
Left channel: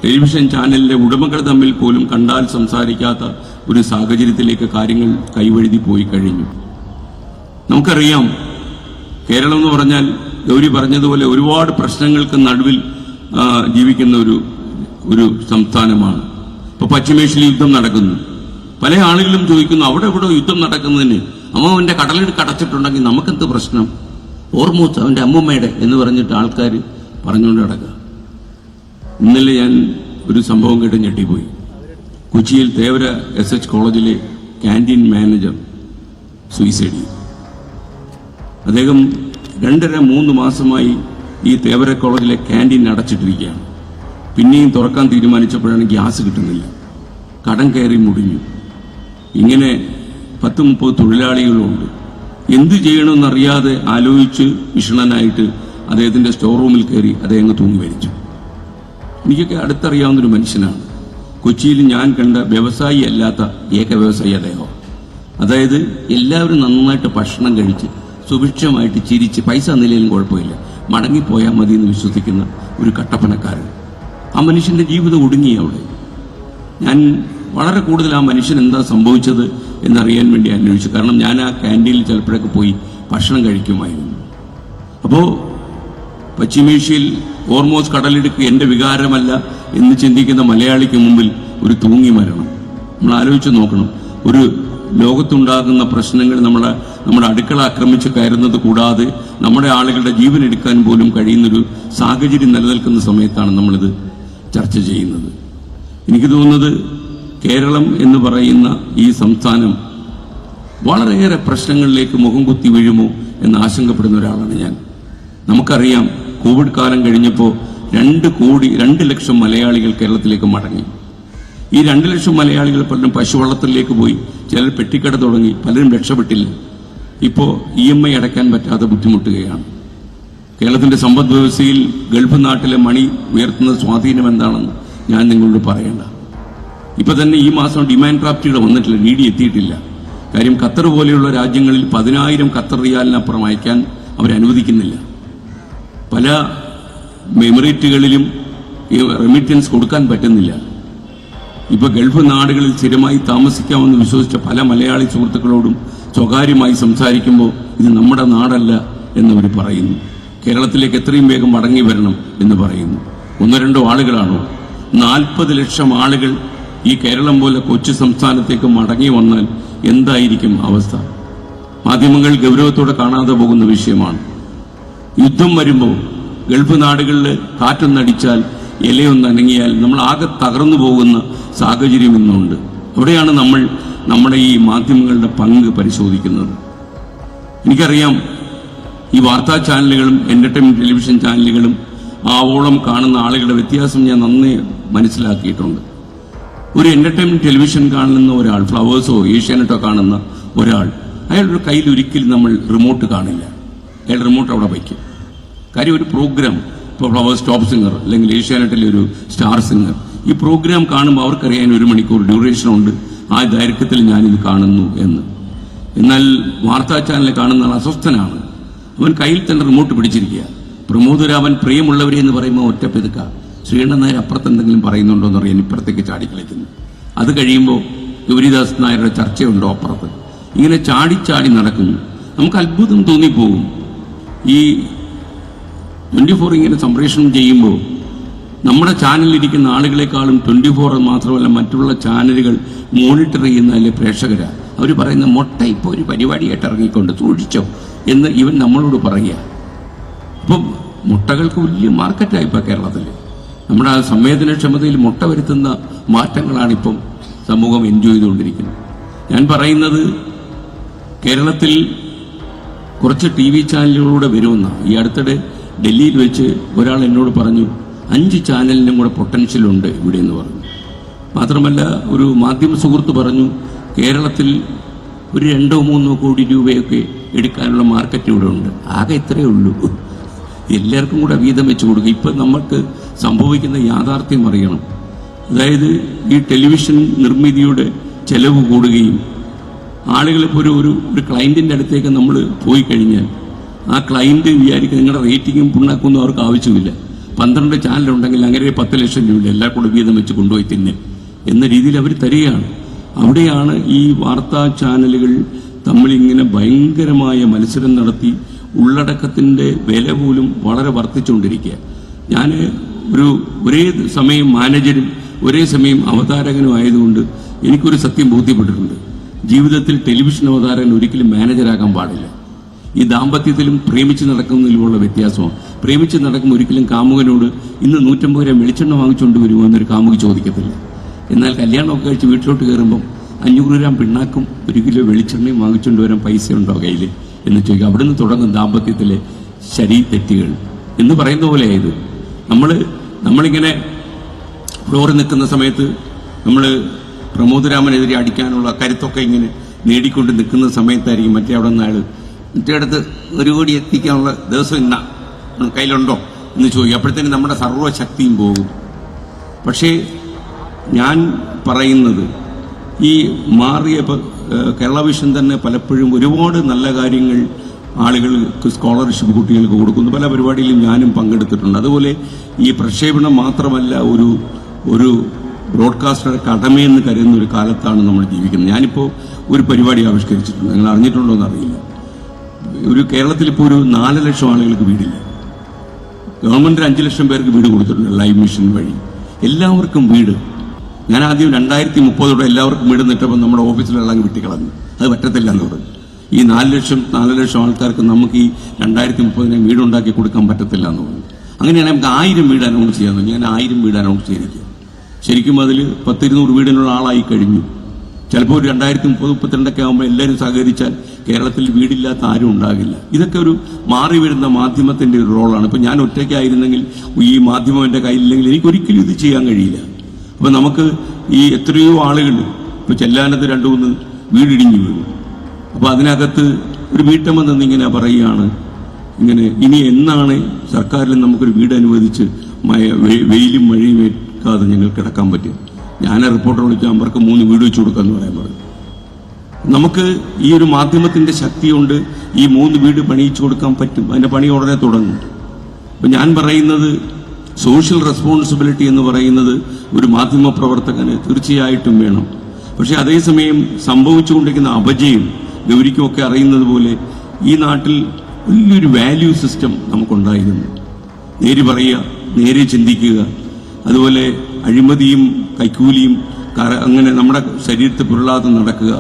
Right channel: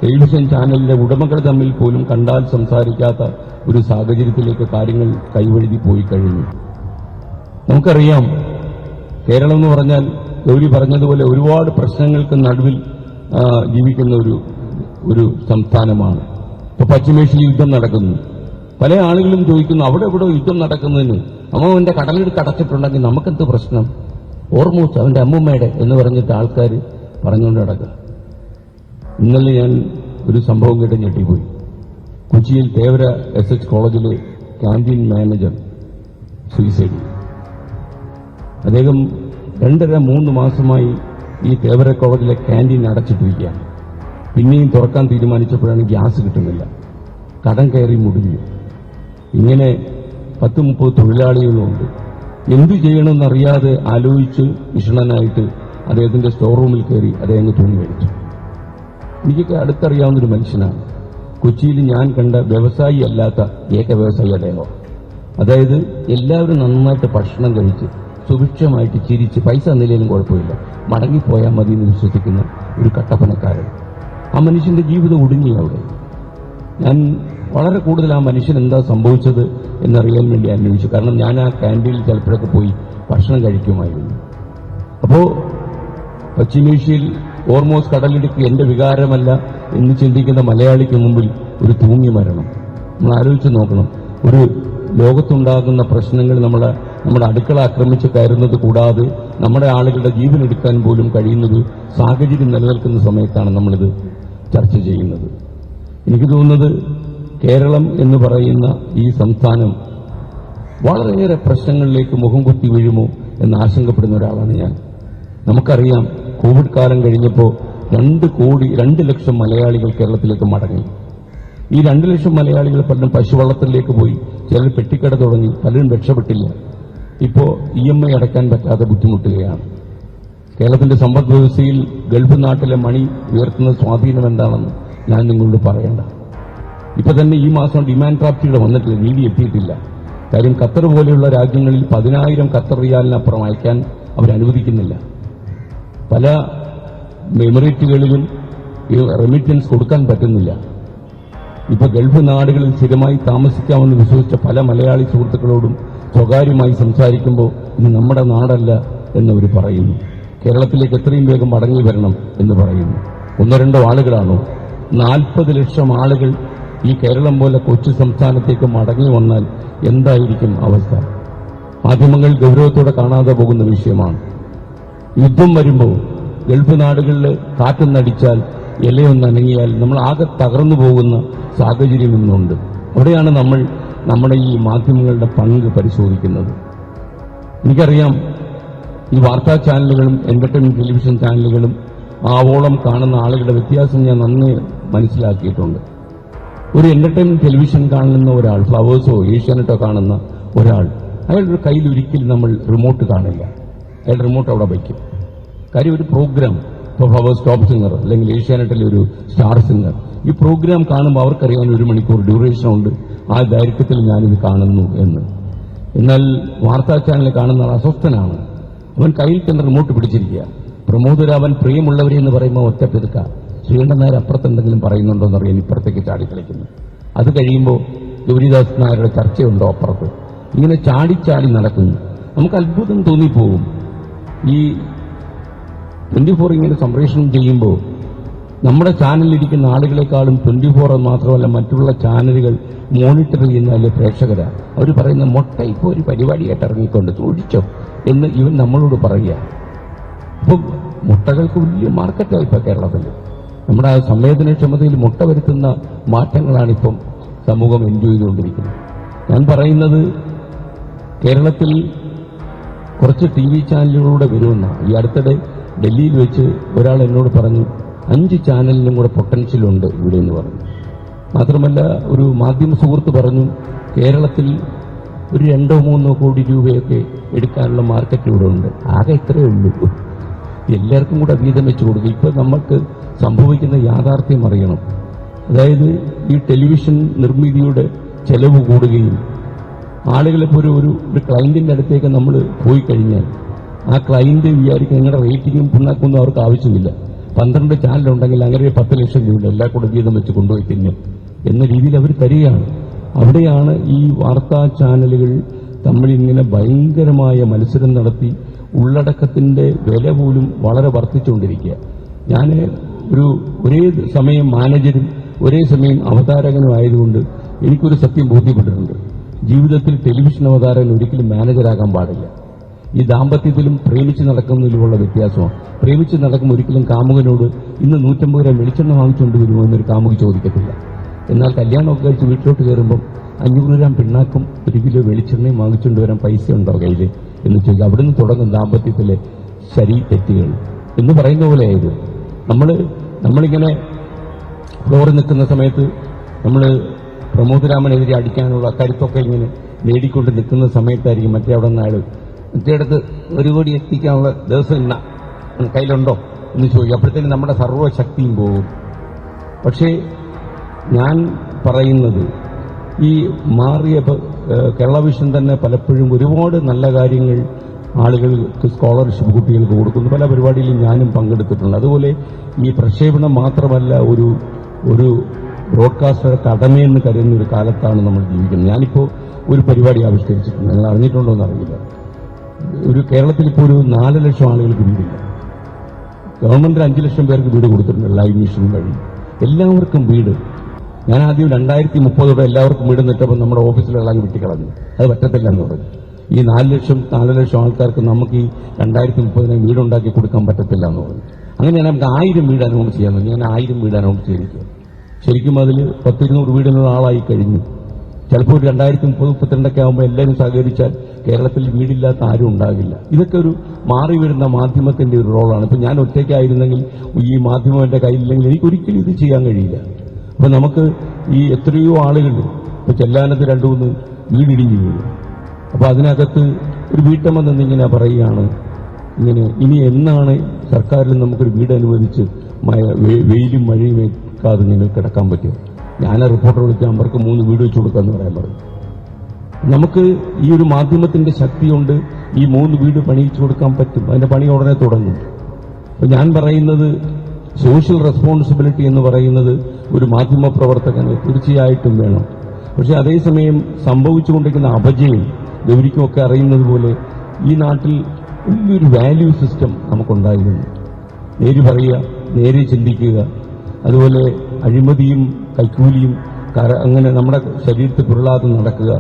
ടെലിവിഷൻ ചാനലിലെ ഉടമകൾ തമ്മിൽ പോലും കണ്ടാൽ സംസാരിക്കാത്ത ഒരു സാഹചര്യത്തിലേക്ക് കാര്യങ്ങൾ കൈവഴുതി പോയി കഴിഞ്ഞു. നമുക്കറിയാം, കേരളം എന്ന് പറഞ്ഞാൽ ഗൗരി പറഞ്ഞതുപോലെ ഒരുപാട് പ്രശ്നങ്ങൾക്ക് നടുവിൽ ജീവിക്കുന്ന ഒരു സംസ്ഥാനമാണ്. ഇപ്പോൾ പശ്ചിമേഷ്യയിൽ യുദ്ധം നടക്കുന്നു. പല ആളുകളും ചോദിക്കുന്നു, അവിടെ ഇവിടെ യുദ്ധം നടക്കുന്നതിന് അമ്മാവൻ്റെ കടലെടുക്ക് അടച്ചിട്ടുണ്ടെങ്കിൽ നമുക്കെന്ത് പ്രശ്നം? ഓർമ്മൂസ് അവൻ്റെ അമ്മൂമ്മയുടെ എന്ന് പറഞ്ഞിട്ട് ആൾക്കാർ പറഞ്ഞുകൊണ്ട് നടക്കുക. ഇന്നലെ ഞാൻ ഒരു സംഭവം കേട്ട് ഞെട്ടിപ്പോയി. കൊച്ചിയിൽ തേവര SH കോളേജിലെ ക്യാൻറ്റീൻ മാനേജർ സൂയിസൈഡ് ചെയ്തു. അദ്ദേഹം 2.5-3 മാസമായി ഈ തേവര കോളേജിലെ ക്യാൻറ്റീൻ അടച്ചിട്ടിരിക്കുകയാണ്. പിന്നെയും തുറക്കാൻ തീരുമാനിച്ചപ്പോഴാണ് ഗ്യാസ് കിട്ടുന്നില്ല. കടം കയറി മുടിഞ്ഞു. ഇങ്ങനെ 10-30 തൊഴിലാളികളുണ്ട്. എന്തു ചെയ്യണമെന്നറിയാതെ ആലോചിച്ച് വിഷണനായിട്ട് അദ്ദേഹത്തിൻ്റെ സ്റ്റോർ റൂമിൽ കയറി അദ്ദേഹം തൂങ്ങി മരിച്ചു. എനിക്കൊക്കെ അടുത്തറിയാവുന്നൊരു മനുഷ്യനാണ്. കൊച്ചിയിൽ ഞാൻ കണ്ട വ്യവസായി അല്ലാത്ത ഏക വ്യവസായി അദ്ദേഹം. അതായത് എല്ലാവരും നന്നായിട്ട് ഭക്ഷണം കഴിച്ച് സുഭിക്ഷമായിട്ട് ചിരിച്ച് പൈസ നിലയിലും കുഴപ്പമില്ല, മടങ്ങിപ്പോയാൽ മതി എന്ന് വിശ്വസിക്കുന്ന ഒരു കട്ടപ്പനക്കാരൻ. ആ മനുഷ്യൻ്റെ ജീവിതം ഒടുങ്ങി അവിടെ. ഞാൻ വളരെ കൂടുതൽ ആ മനുഷ്യൻ എന്താ സംഭവിച്ചത് എന്നറിയാൻ വേണ്ടി അന്വേഷിച്ചു. കാരണം ഞാൻ ആ ക്യാൻറ്റീനിൽ ചിലപ്പോഴൊക്കെ പോയി ഭക്ഷണം കഴിക്കുമായിരുന്നു. അപ്പോൾ പശ്ചിമേഷ്യയിൽ ഹോർമൂസ് കടലിടുക്ക് എൻ്റെ വികാരമല്ല എന്ന് ചിന്തിക്കുന്ന മലയാളിക്ക് മുമ്പിൽ ഒരു തൂങ്ങി മരണം. നമ്മൾ ആലോചിച്ച് നോക്കണം. ഒരു ലോകത്തുണ്ടാകുന്ന പ്രശ്നങ്ങൾ നമ്മുടെ അടുക്കള ആക്രമിച്ച് കയറുന്നത് കൂടാതെ നമ്മുടെ ആളുകളുടെ ജീവൻ എടുക്കാൻ പോലും കഴിയുന്നൊരു സാഹചര്യം നിലനിൽക്കുന്ന സമയത്താണ് നമ്മളിത് ചർച്ച ചെയ്യുന്നത്. എനിക്ക് തോന്നുന്നത് കേരളം എന്ന് പറയുന്ന ഈ സംസ്ഥാനം വളരെയേറെ പ്രശ്നങ്ങളിലേക്ക് മുഖം കുത്തി വീഴുമോ എന്ന് ആശങ്കപ്പെടുന്ന ഒരാളാണ് ഞാൻ. നമുക്കറിയാം, കോവിഡ് കാലം കഴിഞ്ഞപ്പോൾ 2 ലക്ഷം മലയാളികൾ കേരളത്തിലേക്ക് മടങ്ങി. ഈ 2 ലക്ഷം മലയാളികൾ പലരും പശുവള്ളത്തിലേക്ക് പോയി, ചിലർ പെട്ടിക്കട തുടങ്ങി, പലരും രക്ഷപ്പെട്ടില്ല. ഇപ്പോൾ EMI അടയ്ക്കാൻ പറ്റാതെ ബുദ്ധിമുട്ടുകയാണ്. കേരളത്തിൻ്റെ സമ്പദ് വ്യവസ്ഥയിൽ ഗൾഫ് നാട്ടിലെ മണി ഉയർത്തുന്ന സ്വാധീനം എന്താണെന്ന് ഞാൻ നിങ്ങളോട് പറയണ്ട. ഇപ്പം തന്നെ ഈ മാസം ഡിമാൻഡ് ഡ്രാഫ്റ്റുകൾ വന്നിട്ടില്ല, DD എത്തിയിട്ടില്ല. കാര്യം ഖത്തർ പോലെയുള്ള രാജ്യങ്ങളിൽ 10,000 ഖത്തർ റിയാലിനപ്പുറം അയക്കാൻ അവരനുവദിക്കുന്നില്ല. പല എമിറേറ്റുകളിലും ഈ റെമിറ്റൻസ് കൊടുക്കാൻ പറ്റുന്നില്ല. ഇപ്പോൾ ഗൾഫ് നാടുകളിൽ സ്ഥിരമായി താമസിക്കാമെന്ന് വിശ്വസിച്ച പല മലയാളി സുഹൃത്തുക്കളോടും സ്വകാര്യമായി സംസാരിക്കുമ്പോൾ ഇത് നമ്മുടെ നാടല്ല എന്നവർ പറയുന്നു. കേരളത്തിലേക്ക് എത്രയും വേഗം മടങ്ങി വരണം എന്ന് പറയുന്നു. 1-2 ആളുകളാണോ? 40 ലക്ഷം ആളുകൾ ഈ കേരളം പോലെ കൊച്ചു സംസ്ഥാനത്തേക്ക് മടങ്ങി വന്നാൽ എന്തായിരിക്കും അവസ്ഥ? മാധ്യമങ്ങൾ ഗൗരവത്തോടെ കാണാതെ പോകുന്ന വിഷയമാണ്. യുദ്ധം വരുമ്പോൾ ഗൾഫ് നാടുകളിൽ കാറ്റൊന്നടിച്ചാൽ, ഇലയൊന്ന് അനങ്ങിയാൽ നമ്മൾ ആകെ തകർന്നു പോകുന്ന സാഹചര്യം ഇന്നുണ്ട്. അവിടെയാണ് നമ്മൾ നമ്മുടെ ഈ മാധ്യമങ്ങളുടെ പങ്ക് പരിശോധിക്കുന്നത്. എനിക്കറിയാം, ഈ വാർത്താ ചാനലുകളും എൻ്റർടൈൻമെൻറ്റ് ടെലിവിഷൻ ചാനലുകളും ആവോളം കാണുന്ന ആളുകളുടെ വ്യത്യാസം ഞാൻ നന്നായി മനസ്സിലാക്കിയിട്ടുണ്ട്. ഒരു എൻ്റർടൈൻമെൻറ്റ് ടെലിവിഷൻ കാണുന്ന ഒരാൾ, ഫ്ലവേഴ്സോ ഏഷ്യാനെറ്റോ കാണുന്ന ഒരാൾ, അയാളുടെ കയ്യിൽ ഒരിക്കലും നമ്മൾ റിമോട്ട് കാണില്ല. അയാൾ റിമോട്ട് അവിടെ വയ്ക്കും. കാര്യം ഒരു പ്രോഗ്രാം, ഇപ്പോൾ ഫ്ലവേഴ്സ് ടോപ്പ് സിംഗർ അല്ലെങ്കിൽ ഏഷ്യാനെറ്റിലെ ഒരു സ്റ്റാർ സിംഗർ, ഈ പ്രോഗ്രാം കാണുമ്പോൾ അവർക്കറിയാൻ 1 മണിക്കൂർ ഡ്യൂറേഷൻ ഉണ്ട്, ആ ദൈർഘ്യത്തിൽ ഞാനിത് കാണുന്നു എന്ന്. എന്നാൽ വാർത്താ ചാനൽ കാണുന്ന ആൾ അസ്വസ്ഥനാണ്. അവൻ കയ്യിൽ തന്നെ റിമോട്ട് പിടിച്ചിരിക്കുക. പ്രമോദരാവൻ പ്രിയമുള്ളവരെ എന്ന് പറയുമ്പോൾ ഒറ്റ പെതുക്ക, ശ്രീകണ്ഠൻ നായർ അപ്പുറത്ത് എന്തെങ്കിലും പറയുന്നുണ്ടോ എന്ന് അറിയാൻ ഇപ്പുറത്തേക്ക് ചാടിക്കളിക്കുന്നു. അത് കഴിയുമ്പോൾ ഗൗരിദാസ് നായരുടെ ചർച്ചയുണ്ടോ അപ്പുറത്ത്. ഇങ്ങനെ ചാടി നടക്കുന്നു. നമുക്ക് അത്ഭുതം തോന്നിപ്പോകും. ഈ 24 ഇങ്ങനെ സംപ്രേഷണം ചെയ്യുമ്പോൾ നമ്മുടെ ചാനലിലിരിക്കുന്ന ആളുകളെക്കാളും 24 മാത്രമല്ല മറ്റുള്ള ചാനലുകൾ മോണിറ്റർ ചെയ്യുന്നതിലെ പ്രേക്ഷകരാണ്. അവർ പറയുന്ന മൊട്ട ഇപ്പോൾ ഒരു പരിപാടിയായിട്ട് ഇറങ്ങിക്കൊണ്ട് സൂക്ഷിച്ചോ എന്ന് ഇവൻ നമ്മളോട് പറയുക. അപ്പം മുട്ടകൾക്ക് വലിയ മാർക്കറ്റായി ഇപ്പോൾ കേരളത്തിൽ. നമ്മുടെ ആ സംവേദനക്ഷമതയിൽ മുട്ട വരുത്തുന്ന മാറ്റങ്ങളാണിപ്പം സമൂഹം എൻജോയ് ചെയ്തുകൊണ്ടിരിക്കുന്നത്. ഞാൻ പറയുന്നത്, കേരളത്തിൽ കുറച്ച് TV ചാനലുകളിലൂടെ വരുമെന്ന ഈ അടുത്തിടെ ഡൽഹിയിൽ വെച്ച് ഒരാൾ എന്നോട് പറഞ്ഞു 5 ചാനലിനും കൂടെ പൊട്ടൻഷ്യലുണ്ട് ഇവിടെ എന്ന് പറഞ്ഞു. മാത്രമല്ല ഒരു മാധ്യമ സുഹൃത്ത് പറഞ്ഞു കേരളത്തിൽ ഒരു 2-3 കോടി രൂപയൊക്കെ എടുക്കാനുള്ള മാർക്കറ്റ് ഇവിടെ ഉണ്ട്. ആകെ ഇത്രയേ ഉള്ളൂ. എല്ലാവർക്കും കൂടെ വീതം വെച്ച് കൊടുക്കുക. ഇപ്പം നമുക്ക് സംഭവിക്കുന്ന യാഥാർത്ഥ്യം അറിയണം. അതായത് ഈ ടെലിവിഷൻ നിർമ്മിതിയുടെ ചെലവ് കൂടുകയും ആളുകളിപ്പോൾ ഒരു ക്ലയൻറ്റിൻ്റെ അടുത്തേക്ക് നമ്മൾ പോയി കഴിഞ്ഞാൽ ആ ക്ലയൻറ്റ് വിചാരിക്കുക നിങ്ങളുടെ റേറ്റിങ്ങും പുണ്ണാക്കൊന്നും അവർക്ക് ആവശ്യമില്ല. 12 ചാനലുണ്ടെങ്കിൽ അങ്ങനെ 10 ലക്ഷം രൂപ എല്ലാവർക്കും കൂടെ വീതം വെച്ച് കൊണ്ടുപോയി തിന്നെ എന്ന രീതിയിൽ അവർ തരികയാണ്. അവിടെയാണ് ഈ വാർത്താ ചാനലുകൾ തമ്മിലിങ്ങനെ ഭയങ്കരമായ മത്സരം നടത്തി ഉള്ളടക്കത്തിൻ്റെ വില പോലും വളരെ വർദ്ധിച്ചുകൊണ്ടിരിക്കുക. ഞാൻ ഒരേ സമയം മാനേജരും ഒരേ സമയം അവതാരകനും ആയതുകൊണ്ട് എനിക്കൊരു സത്യം ബോധ്യപ്പെട്ടിട്ടുണ്ട്. ജീവിതത്തിൽ ടെലിവിഷൻ അവതാരകൻ ഒരിക്കലും മാനേജരാകാൻ പാടില്ല. ഈ ദാമ്പത്യത്തിലും പ്രേമിച്ച് നടക്കുന്നതിലുമുള്ള വ്യത്യാസമാണ്. പ്രേമിച്ച് നടക്കുമ്പോൾ ഒരിക്കലും കാമുകനോട് ഇന്ന് 150 ഗ്രാം വെളിച്ചെണ്ണ വാങ്ങിച്ചുകൊണ്ട് വരുമോ എന്നൊരു കാമുക ചോദിക്കത്തില്ല. എന്നാൽ കല്യാണമൊക്കെ കഴിച്ച് വീട്ടിലോട്ട് കയറുമ്പം 500 ഗ്രാം പിണ്ണാക്കും 1 കിലോ വെളിച്ചെണ്ണയും വാങ്ങിച്ചുകൊണ്ട് വരാൻ പൈസ ഉണ്ടോ കയ്യിൽ എന്ന് ചോദിക്കുക. അവിടുന്ന് തുടങ്ങും ദാമ്പത്യത്തിലെ ശരി തെറ്റുകൾ എന്ന് പറയുന്ന പോലെയായത്. നമ്മളിങ്ങനെ ഫ്ലോറിൽ നിൽക്കുന്ന സമയത്ത് നമ്മൾ പ്രമോദരാമനെതിരെ അടിക്കാനുള്ള കരുത്തൊക്കെ ഇങ്ങനെ നേടിക്കൊണ്ട് നിൽക്കുന്ന സമയത്തായിരിക്കും മറ്റേ അവിടെ നിന്ന് മറ്റേ അടുത്ത് 1 കോടി എത്തിക്കാനുള്ള ദിവസം ഇന്ന കയ്യിലുണ്ടോ എന്ന് ചോദിക്കും. അപ്പോഴത്തേന് നമ്മുടെ സർവ്വശക്തിയും പോകും. പക്ഷേ ഞാൻ പറയുന്നത് ഈ മാറിയ കേരള വിഷൻ തന്നെ പലപ്പോഴും ഒരുപാട് നല്ല കാര്യങ്ങൾ ആളുകൾക്ക് സ്കോളർഷിപ്പ് കുട്ടികൾക്ക് കൊടുക്കുന്നു. പല പരിപാടിയിലും ഞാനും പങ്കെടുത്തിട്ടുണ്ട്. അതുപോലെ ഈ പ്രക്ഷേപണം മാത്രമല്ല ഒരു ബ്രോഡ്കാസ്റ്ററുടെ കടമയെന്ന് കരുതുന്ന ഒരു കാലത്താണ് നമ്മൾ ജീവിക്കുന്നത്. ഞാനിപ്പോൾ ഒരു പരിപാടി ആവിഷ്കരിച്ചിട്ടുണ്ട്, നിങ്ങൾ അറിഞ്ഞിട്ടുണ്ടോ എന്നറിയില്ല. കേരളത്തിൽ ഇപ്പോൾ 4 ലക്ഷം ആളുകൾക്ക് വീടില്ല. ഗവൺമെൻറ് 5 ലക്ഷം പേർക്ക് വീട് കൊടുത്തിട്ടുണ്ട് ലൈവ് മിഷൻ വഴി. എല്ലാവർക്കും വീട്. ഞാൻ ആദ്യം 2030 എല്ലാവർക്കും വീട് നിട്ടപ്പോൾ നമ്മുടെ ഓഫീസിലുള്ള അങ്ങ് വിട്ടിക്കളഞ്ഞു. അത് പറ്റത്തില്ല എന്ന് പറഞ്ഞു. ഈ 4 ലക്ഷം ആൾക്കാർക്ക് നമുക്ക് ഈ 2030 വീടുണ്ടാക്കി കൊടുക്കാൻ പറ്റത്തില്ല എന്ന് പറഞ്ഞു. അങ്ങനെയാണ് നമുക്ക് 1000 വീട് അനൗൺസ് ചെയ്യാൻ തോന്നി. ഞാൻ 1000 വീട് അനൗൺസ് ചെയ്തിരിക്കുക. ശരിക്കും അതിൽ 10-200 വീടിനുള്ള ആളായി കഴിഞ്ഞു. ചിലപ്പോൾ 2030-32 ആകുമ്പോൾ എല്ലാവരും സഹകരിച്ചാൽ കേരളത്തിൽ വീടില്ലാത്ത ആരും ഉണ്ടാകില്ല. ഇതൊക്കെ ഒരു മാറി വരുന്ന മാധ്യമത്തിൻ്റെ ഒരു റോളാണ്. ഇപ്പോൾ ഞാൻ ഒറ്റയ്ക്കായിരുന്നെങ്കിൽ ഈ മാധ്യമം എൻ്റെ കയ്യിലില്ലെങ്കിൽ എനിക്കൊരിക്കലും ഇത് ചെയ്യാൻ കഴിയില്ല. അപ്പോൾ നമുക്ക് ഈ എത്രയോ ആളുകൾ ഇപ്പോൾ ചെല്ലാനത്ത് 2-3 വീടിടിഞ്ഞു വീഴും. അപ്പോൾ അതിനകത്ത് ഒരു വീട്ടമ്മ നിന്നിങ്ങനെ പറയുകയാണ്, ഇങ്ങനെ ഇനി എന്നാണ് സർക്കാരിൽ നമുക്കൊരു വീട് അനുവദിച്ച് വെയിലും മഴയും ഏൽക്കാതെ ഞങ്ങൾ കിടക്കാൻ പറ്റും. ഞാൻ റിപ്പോർട്ടർ വിളിച്ചാൽ അവർക്ക് 3 വീട് വെച്ച് കൊടുക്കാമെന്ന് പറയാൻ പറഞ്ഞു. നമുക്ക് ഈ ഒരു മാധ്യമത്തിൻ്റെ ശക്തി കൊണ്ട് ഈ 3 വീട് പണിയിച്ചു കൊടുക്കാൻ പറ്റും. അതിൻ്റെ പണി ഉടനെ തുടങ്ങും. അപ്പോൾ ഞാൻ പറയുന്നത് സോഷ്യൽ റെസ്പോൺസിബിലിറ്റി എന്ന് പറയുന്നത് ഒരു മാധ്യമ പ്രവർത്തകന് തീർച്ചയായിട്ടും വേണം. പക്ഷേ അതേസമയം സംഭവിച്ചുകൊണ്ടിരിക്കുന്ന അപജയം ഗൗരിക്കുമൊക്കെ അറിയുന്നത് പോലെ ഈ നാട്ടിൽ വലിയൊരു വാല്യൂ സിസ്റ്റം നമുക്കുണ്ടായിരുന്നു. നേര് പറയുക, നേരെ ചിന്തിക്കുക, അതുപോലെ അഴിമതിയും കൈക്കൂലിയും അങ്ങനെ നമ്മുടെ ശരീരത്തിൽ പുരളാതെ നടക്കുക,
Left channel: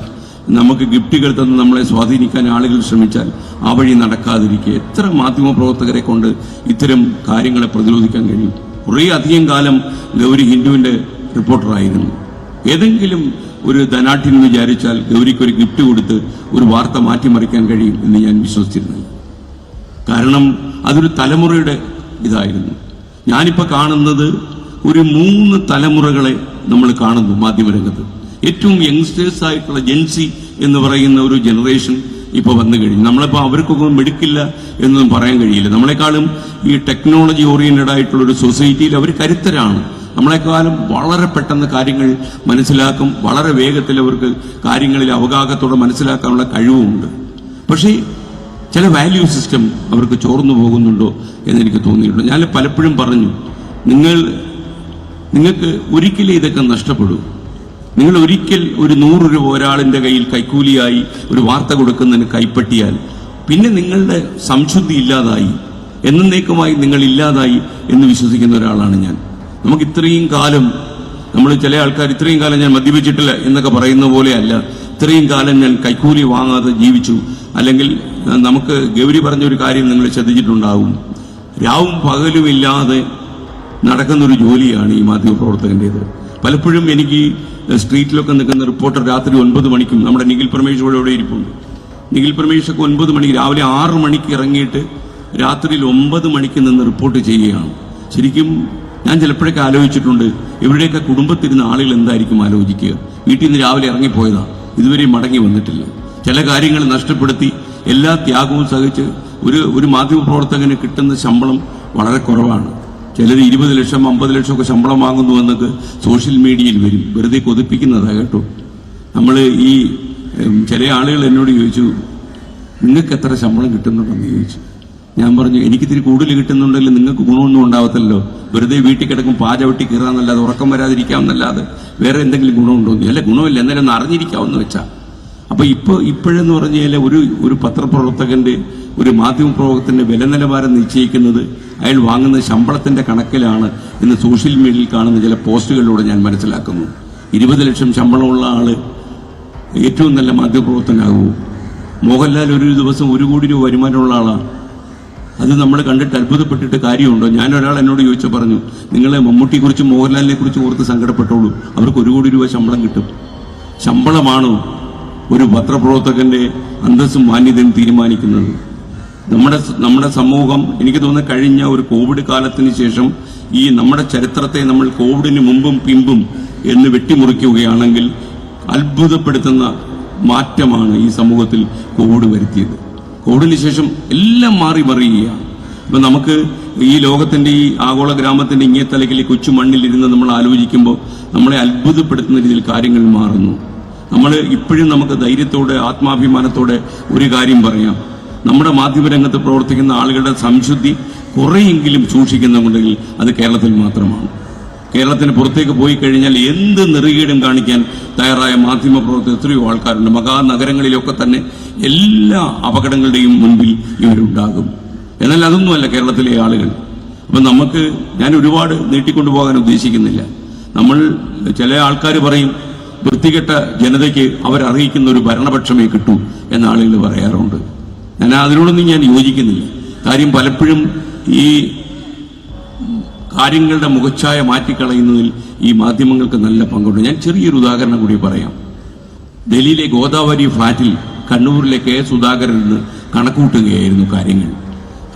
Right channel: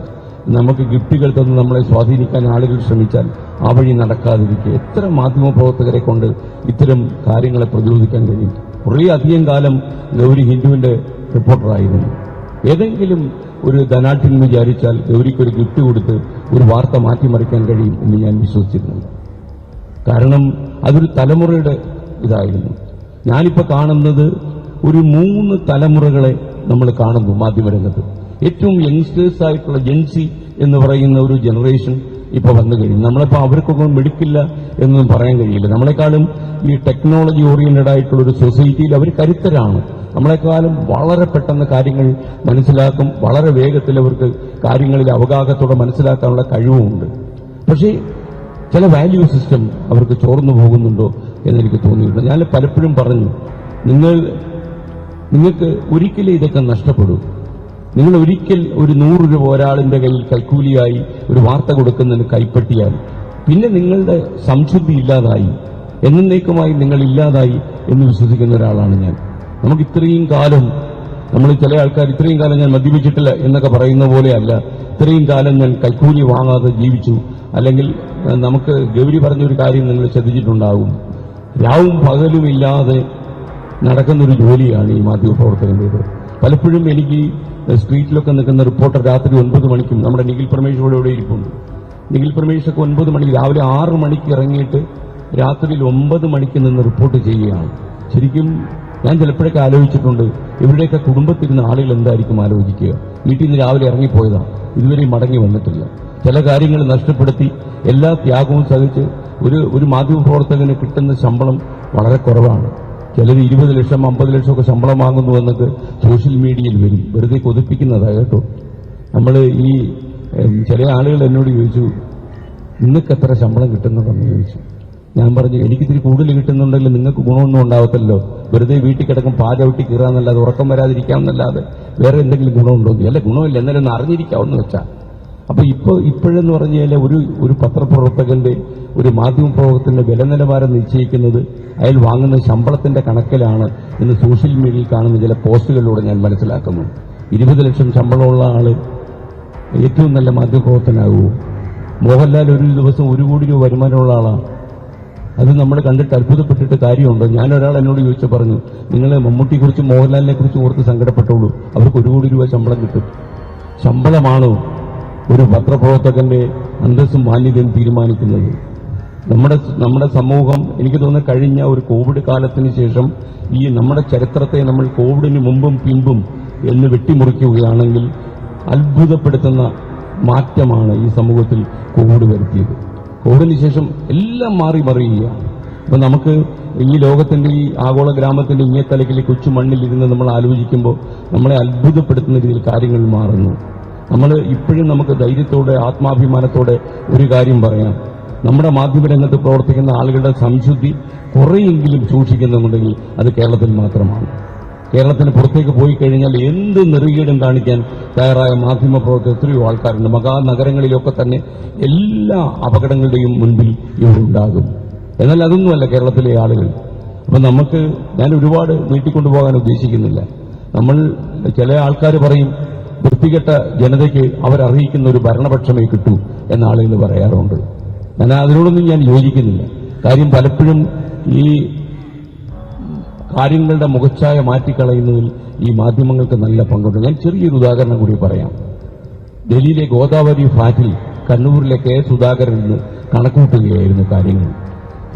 നമുക്ക് ഗിഫ്റ്റുകൾ തന്ന് നമ്മളെ സ്വാധീനിക്കാൻ ആളുകൾ ശ്രമിച്ചാൽ ആ വഴി നടക്കാതിരിക്കുക. എത്ര മാധ്യമപ്രവർത്തകരെ കൊണ്ട് ഇത്തരം കാര്യങ്ങളെ പ്രതിരോധിക്കാൻ കഴിയും? കുറേ അധികം കാലം ഗൗരി ഹിന്ദുവിൻ്റെ റിപ്പോർട്ടറായിരുന്നു. ഏതെങ്കിലും ഒരു ധനാഠ്യം വിചാരിച്ചാൽ ഗൗരിക്കൊരു ഗിഫ്റ്റ് കൊടുത്ത് ഒരു വാർത്ത മാറ്റിമറിക്കാൻ കഴിയും എന്ന് ഞാൻ വിശ്വസിച്ചിരുന്നില്ല. കാരണം അതൊരു തലമുറയുടെ ഇതായിരുന്നു. ഞാനിപ്പോൾ കാണുന്നത് ഒരു 3 തലമുറകളെ നമ്മൾ കാണുന്നു മാധ്യമരംഗത്ത്. ഏറ്റവും യങ്സ്റ്റേഴ്സ് ആയിട്ടുള്ള ജെൻസി എന്ന് പറയുന്ന ഒരു ജനറേഷൻ ഇപ്പോൾ വന്നു കഴിഞ്ഞു. നമ്മളിപ്പോൾ അവർക്കൊക്കെ മെടുക്കില്ല എന്നൊന്നും പറയാൻ കഴിയില്ല. നമ്മളെക്കാളും ഈ ടെക്നോളജി ഓറിയന്റഡ് ആയിട്ടുള്ള ഒരു സൊസൈറ്റിയിൽ അവർ കരുത്തരാണ്. നമ്മളെക്കാളും വളരെ പെട്ടെന്ന് കാര്യങ്ങൾ മനസ്സിലാക്കും. വളരെ വേഗത്തിൽ അവർക്ക് കാര്യങ്ങളിൽ അവഗാഹത്തോടെ മനസ്സിലാക്കാനുള്ള കഴിവുമുണ്ട്. പക്ഷേ ചില വാല്യൂ സിസ്റ്റം അവർക്ക് ചോർന്നു പോകുന്നുണ്ടോ എന്നെനിക്ക് തോന്നിയിട്ടുണ്ട്. ഞാൻ പലപ്പോഴും പറഞ്ഞു, നിങ്ങൾക്ക് ഒരിക്കലും ഇതൊക്കെ നഷ്ടപ്പെടും. നിങ്ങൾ ഒരിക്കൽ ഒരു 100 രൂപ ഒരാളിൻ്റെ കയ്യിൽ കൈക്കൂലിയായി ഒരു വാർത്ത കൊടുക്കുന്നതിന് കൈപ്പറ്റിയാൽ പിന്നെ നിങ്ങളുടെ സംശുദ്ധി ഇല്ലാതായി, എന്നേക്കുമായി നിങ്ങൾ ഇല്ലാതായി എന്ന് വിശ്വസിക്കുന്ന ഒരാളാണ് ഞാൻ. നമുക്ക് ഇത്രയും കാലം ചില ആൾക്കാർ ഇത്രയും കാലം ഞാൻ മദ്യപിച്ചിട്ടില്ല എന്നൊക്കെ പറയുന്ന പോലെയല്ല. ഇത്രയും കാലം ഞാൻ കൈക്കൂലി വാങ്ങാതെ ജീവിച്ചു. അല്ലെങ്കിൽ നമുക്ക് ഗൗരി പറഞ്ഞൊരു കാര്യം നിങ്ങൾ ശ്രദ്ധിച്ചിട്ടുണ്ടാവും, രാവും പകലുമില്ലാതെ നടക്കുന്നൊരു ജോലിയാണ് ഈ മാധ്യമപ്രവർത്തകൻ്റേത്. പലപ്പോഴും എനിക്ക് സ്ട്രീറ്റിലൊക്കെ നിൽക്കുന്ന റിപ്പോർട്ടർ രാത്രി 9 മണിക്കും നമ്മുടെ നിഖിൽ പരമേശ്വർ ഇവിടെ ഇരിപ്പുണ്ട്. നിഖിൽ പരമേശ്വർക്ക് 9 മണിക്ക് രാവിലെ 6 മണിക്ക് ഇറങ്ങിയിട്ട് രാത്രിയിൽ 9 മണിക്ക് നിന്ന് റിപ്പോർട്ട് ചെയ്യുകയാണ്. ശരിക്കും ഞാൻ ചിലപ്പോഴൊക്കെ ആലോചിച്ചിട്ടുണ്ട്, ഇവരുടെയൊക്കെ കുടുംബത്തിരുന്ന ആളുകൾ എന്തായിരിക്കും ആലോചിക്കുക. വീട്ടിൽ നിന്ന് രാവിലെ ഇറങ്ങിപ്പോയതാണ്, ഇതുവരെ മടങ്ങി വന്നിട്ടില്ല. ചില കാര്യങ്ങൾ നഷ്ടപ്പെടുത്തി എല്ലാ ത്യാഗവും സഹിച്ച് ഒരു മാധ്യമപ്രവർത്തകന് കിട്ടുന്ന ശമ്പളം വളരെ കുറവാണ്. ചിലർ 20 ലക്ഷം 50 ലക്ഷമൊക്കെ ശമ്പളം വാങ്ങുന്നു എന്നൊക്കെ സോഷ്യൽ മീഡിയയിൽ വരും. വെറുതെ കൊതിപ്പിക്കുന്നതാണ് കേട്ടോ. നമ്മൾ ഈ ചില ആളുകൾ എന്നോട് ചോദിച്ചു, നിങ്ങൾക്ക് എത്ര ശമ്പളം കിട്ടുന്നുണ്ടെന്ന് ചോദിച്ചു. ഞാൻ പറഞ്ഞു, എനിക്കിത്തിരി കൂടുതൽ കിട്ടുന്നുണ്ടെങ്കിൽ നിങ്ങൾക്ക് ഗുണമൊന്നും ഉണ്ടാവത്തില്ലല്ലോ. വെറുതെ വീട്ടിൽ കിടക്കും പാചവട്ടി കീറാന്നല്ലാതെ ഉറക്കം വരാതിരിക്കാമെന്നല്ലാതെ വേറെ എന്തെങ്കിലും ഗുണമുണ്ടോ? അല്ല, ഗുണമില്ല, എന്നാലും ഒന്ന് അറിഞ്ഞിരിക്കാമെന്ന് വെച്ചാൽ. അപ്പോൾ ഇപ്പോഴെന്ന് പറഞ്ഞാൽ ഒരു പത്രപ്രവർത്തകൻ്റെ ഒരു മാധ്യമപ്രവർത്തകൻ്റെ വില നിലവാരം നിശ്ചയിക്കുന്നത് അയാൾ വാങ്ങുന്ന ശമ്പളത്തിൻ്റെ കണക്കിലാണ് എന്ന് സോഷ്യൽ മീഡിയയിൽ കാണുന്ന ചില പോസ്റ്റുകളിലൂടെ ഞാൻ മനസ്സിലാക്കുന്നു. 20 ലക്ഷം ശമ്പളമുള്ള ആൾ ഏറ്റവും നല്ല മാധ്യമപ്രവർത്തകനാകുമോ? മോഹൻലാൽ ഒരു ദിവസം 1 കോടി രൂപ വരുമാനമുള്ള ആളാണ്. അത് നമ്മൾ കണ്ടിട്ട് അത്ഭുതപ്പെട്ടിട്ട് കാര്യമുണ്ടോ? ഞാനൊരാൾ എന്നോട് ചോദിച്ചു പറഞ്ഞു, നിങ്ങളെ മമ്മൂട്ടിയെക്കുറിച്ചും മോഹൻലാലിനെ കുറിച്ചും ഓർത്ത് സങ്കടപ്പെട്ടുള്ളൂ, അവർക്ക് 1 കോടി രൂപ ശമ്പളം കിട്ടും. ശമ്പളമാണോ ഒരു പത്രപ്രവർത്തകന്റെ അന്തസ്സും മാന്യതയും തീരുമാനിക്കുന്നത്? നമ്മുടെ സമൂഹം എനിക്ക് തോന്നുന്നു കഴിഞ്ഞ ഒരു കോവിഡ് കാലത്തിന് ശേഷം ഈ നമ്മുടെ ചരിത്രത്തെ നമ്മൾ കോവിഡിന് മുമ്പും പിമ്പും എന്ന് വെട്ടിമുറിക്കുകയാണെങ്കിൽ അത്ഭുതപ്പെടുത്തുന്ന മാറ്റമാണ് ഈ സമൂഹത്തിൽ കോവിഡ് വരുത്തിയത്. കോവിഡിന് ശേഷം എല്ലാം മാറി മറിയുകയാണ്. അപ്പം നമുക്ക് ഈ ലോകത്തിൻ്റെ ഈ ആഗോള ഗ്രാമത്തിൻ്റെ ഇങ്ങേ തലക്കിൽ കൊച്ചു മണ്ണിലിരുന്ന് നമ്മൾ ആലോചിക്കുമ്പോൾ നമ്മളെ അത്ഭുതപ്പെടുത്തുന്ന രീതിയിൽ കാര്യങ്ങൾ മാറുന്നു. നമ്മൾ ഇപ്പോഴും നമുക്ക് ധൈര്യത്തോടെ ആത്മാഭിമാനത്തോടെ ഒരു കാര്യം പറയാം, നമ്മുടെ മാധ്യമരംഗത്ത് പ്രവർത്തിക്കുന്ന ആളുകളുടെ സംശുദ്ധി കുറെയെങ്കിലും സൂക്ഷിക്കുന്നുണ്ടെങ്കിൽ അത് കേരളത്തിൽ മാത്രമാണ്. കേരളത്തിന് പുറത്തേക്ക് പോയി കഴിഞ്ഞാൽ എന്ത് നെറുകേടും കാണിക്കാൻ തയ്യാറായ മാധ്യമ പ്രവർത്തകർ എത്രയോ ആൾക്കാരുണ്ട്. മഹാനഗരങ്ങളിലൊക്കെ തന്നെ എല്ലാ അപകടങ്ങളുടെയും മുൻപിൽ ഇവരുണ്ടാകും. എന്നാൽ അതൊന്നുമല്ല കേരളത്തിലെ ആളുകൾ. അപ്പം നമുക്ക് ഞാൻ ഒരുപാട് നീട്ടിക്കൊണ്ടുപോകാൻ ഉദ്ദേശിക്കുന്നില്ല. നമ്മൾ ചില ആൾക്കാർ പറയും വൃത്തികെട്ട ജനതയ്ക്ക് അവരർഹിക്കുന്ന ഒരു ഭരണപക്ഷമേ കിട്ടൂ എന്ന ആളുകൾ പറയാറുണ്ട്. ഞാൻ അതിനോടൊന്നും ഞാൻ യോജിക്കുന്നില്ല. കാര്യം പലപ്പോഴും ഈ കാര്യങ്ങളുടെ മുഖച്ഛായ മാറ്റിക്കളയുന്നതിൽ ഈ മാധ്യമങ്ങൾക്ക് നല്ല പങ്കുണ്ട്. ഞാൻ ചെറിയൊരു ഉദാഹരണം കൂടി പറയാം. ഡൽഹിയിലെ ഗോദാവരി ഫ്ലാറ്റിൽ കണ്ണൂരിലെ കെ സുധാകരൻ നിന്ന് കണക്കൂട്ടുകയായിരുന്നു കാര്യങ്ങൾ.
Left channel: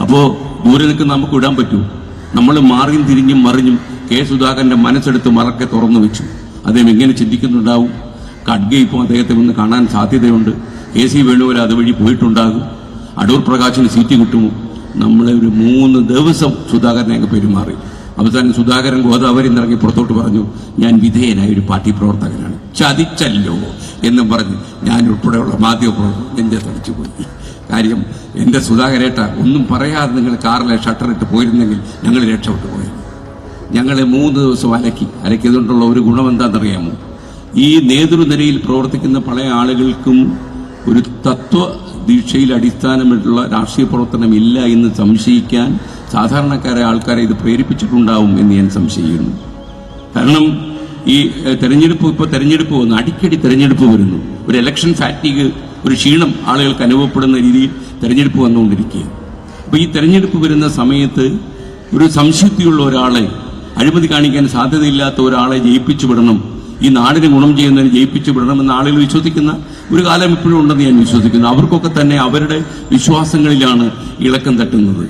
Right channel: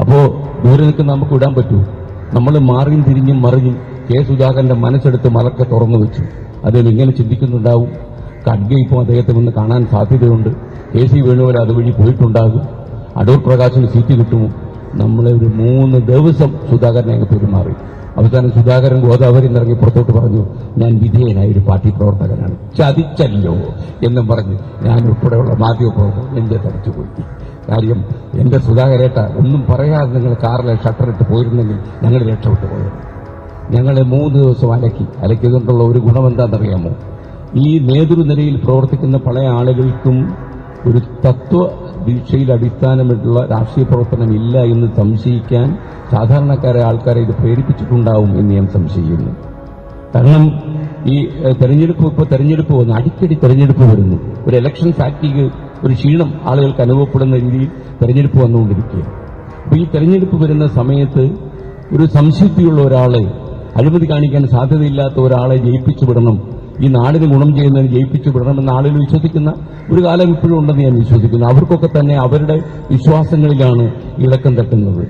അപ്പോൾ ദൂരെ നിൽക്കുന്ന നമുക്ക് വിടാൻ പറ്റൂ? നമ്മൾ മാറിയും തിരിഞ്ഞും മറിഞ്ഞും കെ സുധാകരൻ്റെ മനസ്സെടുത്ത് മറക്കെ തുറന്നു വെച്ചു. അദ്ദേഹം എങ്ങനെ ചിന്തിക്കുന്നുണ്ടാവും? ഖഡ്ഗെ ഇപ്പോൾ അദ്ദേഹത്തെ ഒന്ന് കാണാൻ സാധ്യതയുണ്ട്. KC വേണുപോലെ അതുവഴി പോയിട്ടുണ്ടാകും. അടൂർ പ്രകാശിന് സീറ്റ് കിട്ടുമോ? നമ്മളെ ഒരു 3 ദിവസം സുധാകരനെ പെരുമാറി. അവസാനം സുധാകരൻ ഗോദാവരി ഇറങ്ങി പുറത്തോട്ട് പറഞ്ഞു, ഞാൻ വിധേയനായ ഒരു പാർട്ടി പ്രവർത്തകനാണ്, ചതിച്ചല്ലോ എന്നും പറഞ്ഞ് ഞാൻ ഉൾപ്പെടെയുള്ള മാധ്യമപ്രവർത്തകർ നെഞ്ചെ തടച്ചുപോയി. കാര്യം എൻ്റെ സുധാകരേട്ട ഒന്നും പറയാതെ നിങ്ങൾ കാറിലെ ഷട്ടറിട്ട് പോയിരുന്നെങ്കിൽ ഞങ്ങൾ രക്ഷപ്പെട്ടു പോയത്. ഞങ്ങളെ 3 ദിവസം അലക്കിയതുകൊണ്ടുള്ള ഒരു ഗുണമെന്താണെന്നറിയാമോ? ഈ നേതൃനിരയിൽ പ്രവർത്തിക്കുന്ന പല ആളുകൾക്കും ഒരു തത്വദീക്ഷയിൽ അടിസ്ഥാനമായിട്ടുള്ള രാഷ്ട്രീയ പ്രവർത്തനം ഇല്ല എന്ന് സംശയിക്കാൻ സാധാരണക്കാരായ ആൾക്കാരെ ഇത് പ്രേരിപ്പിച്ചിട്ടുണ്ടാവും എന്ന് ഞാൻ സംശയിക്കുന്നു. കാരണം ഈ തെരഞ്ഞെടുപ്പ് വന്നു, അടിക്കടി തെരഞ്ഞെടുപ്പ് വരുന്നു. ഒരു ഇലക്ഷൻ ഫാറ്റിഗ്, ഒരു ക്ഷീണം ആളുകൾക്ക് അനുഭവപ്പെടുന്ന രീതിയിൽ തെരഞ്ഞെടുപ്പ് വന്നുകൊണ്ടിരിക്കുക. അപ്പോൾ ഈ തെരഞ്ഞെടുപ്പ് വരുന്ന സമയത്ത് ഒരു സംശുദ്ധിയുള്ള ഒരാളെ, അഴിമതി കാണിക്കാൻ സാധ്യതയില്ലാത്ത ഒരാളെ ജയിപ്പിച്ചു വിടണം, ഈ നാടിന് ഗുണം ചെയ്യുന്നതിന് ജയിപ്പിച്ചു വിടണമെന്ന് ആളുകൾ വിശ്വസിക്കുന്ന ഒരു കാലം ഇപ്പോഴും ഉണ്ടെന്ന് ഞാൻ വിശ്വസിക്കുന്നു. അവർക്കൊക്കെ തന്നെ അവരുടെ വിശ്വാസങ്ങളിലാണ് ഇളക്കം തട്ടുന്നത്.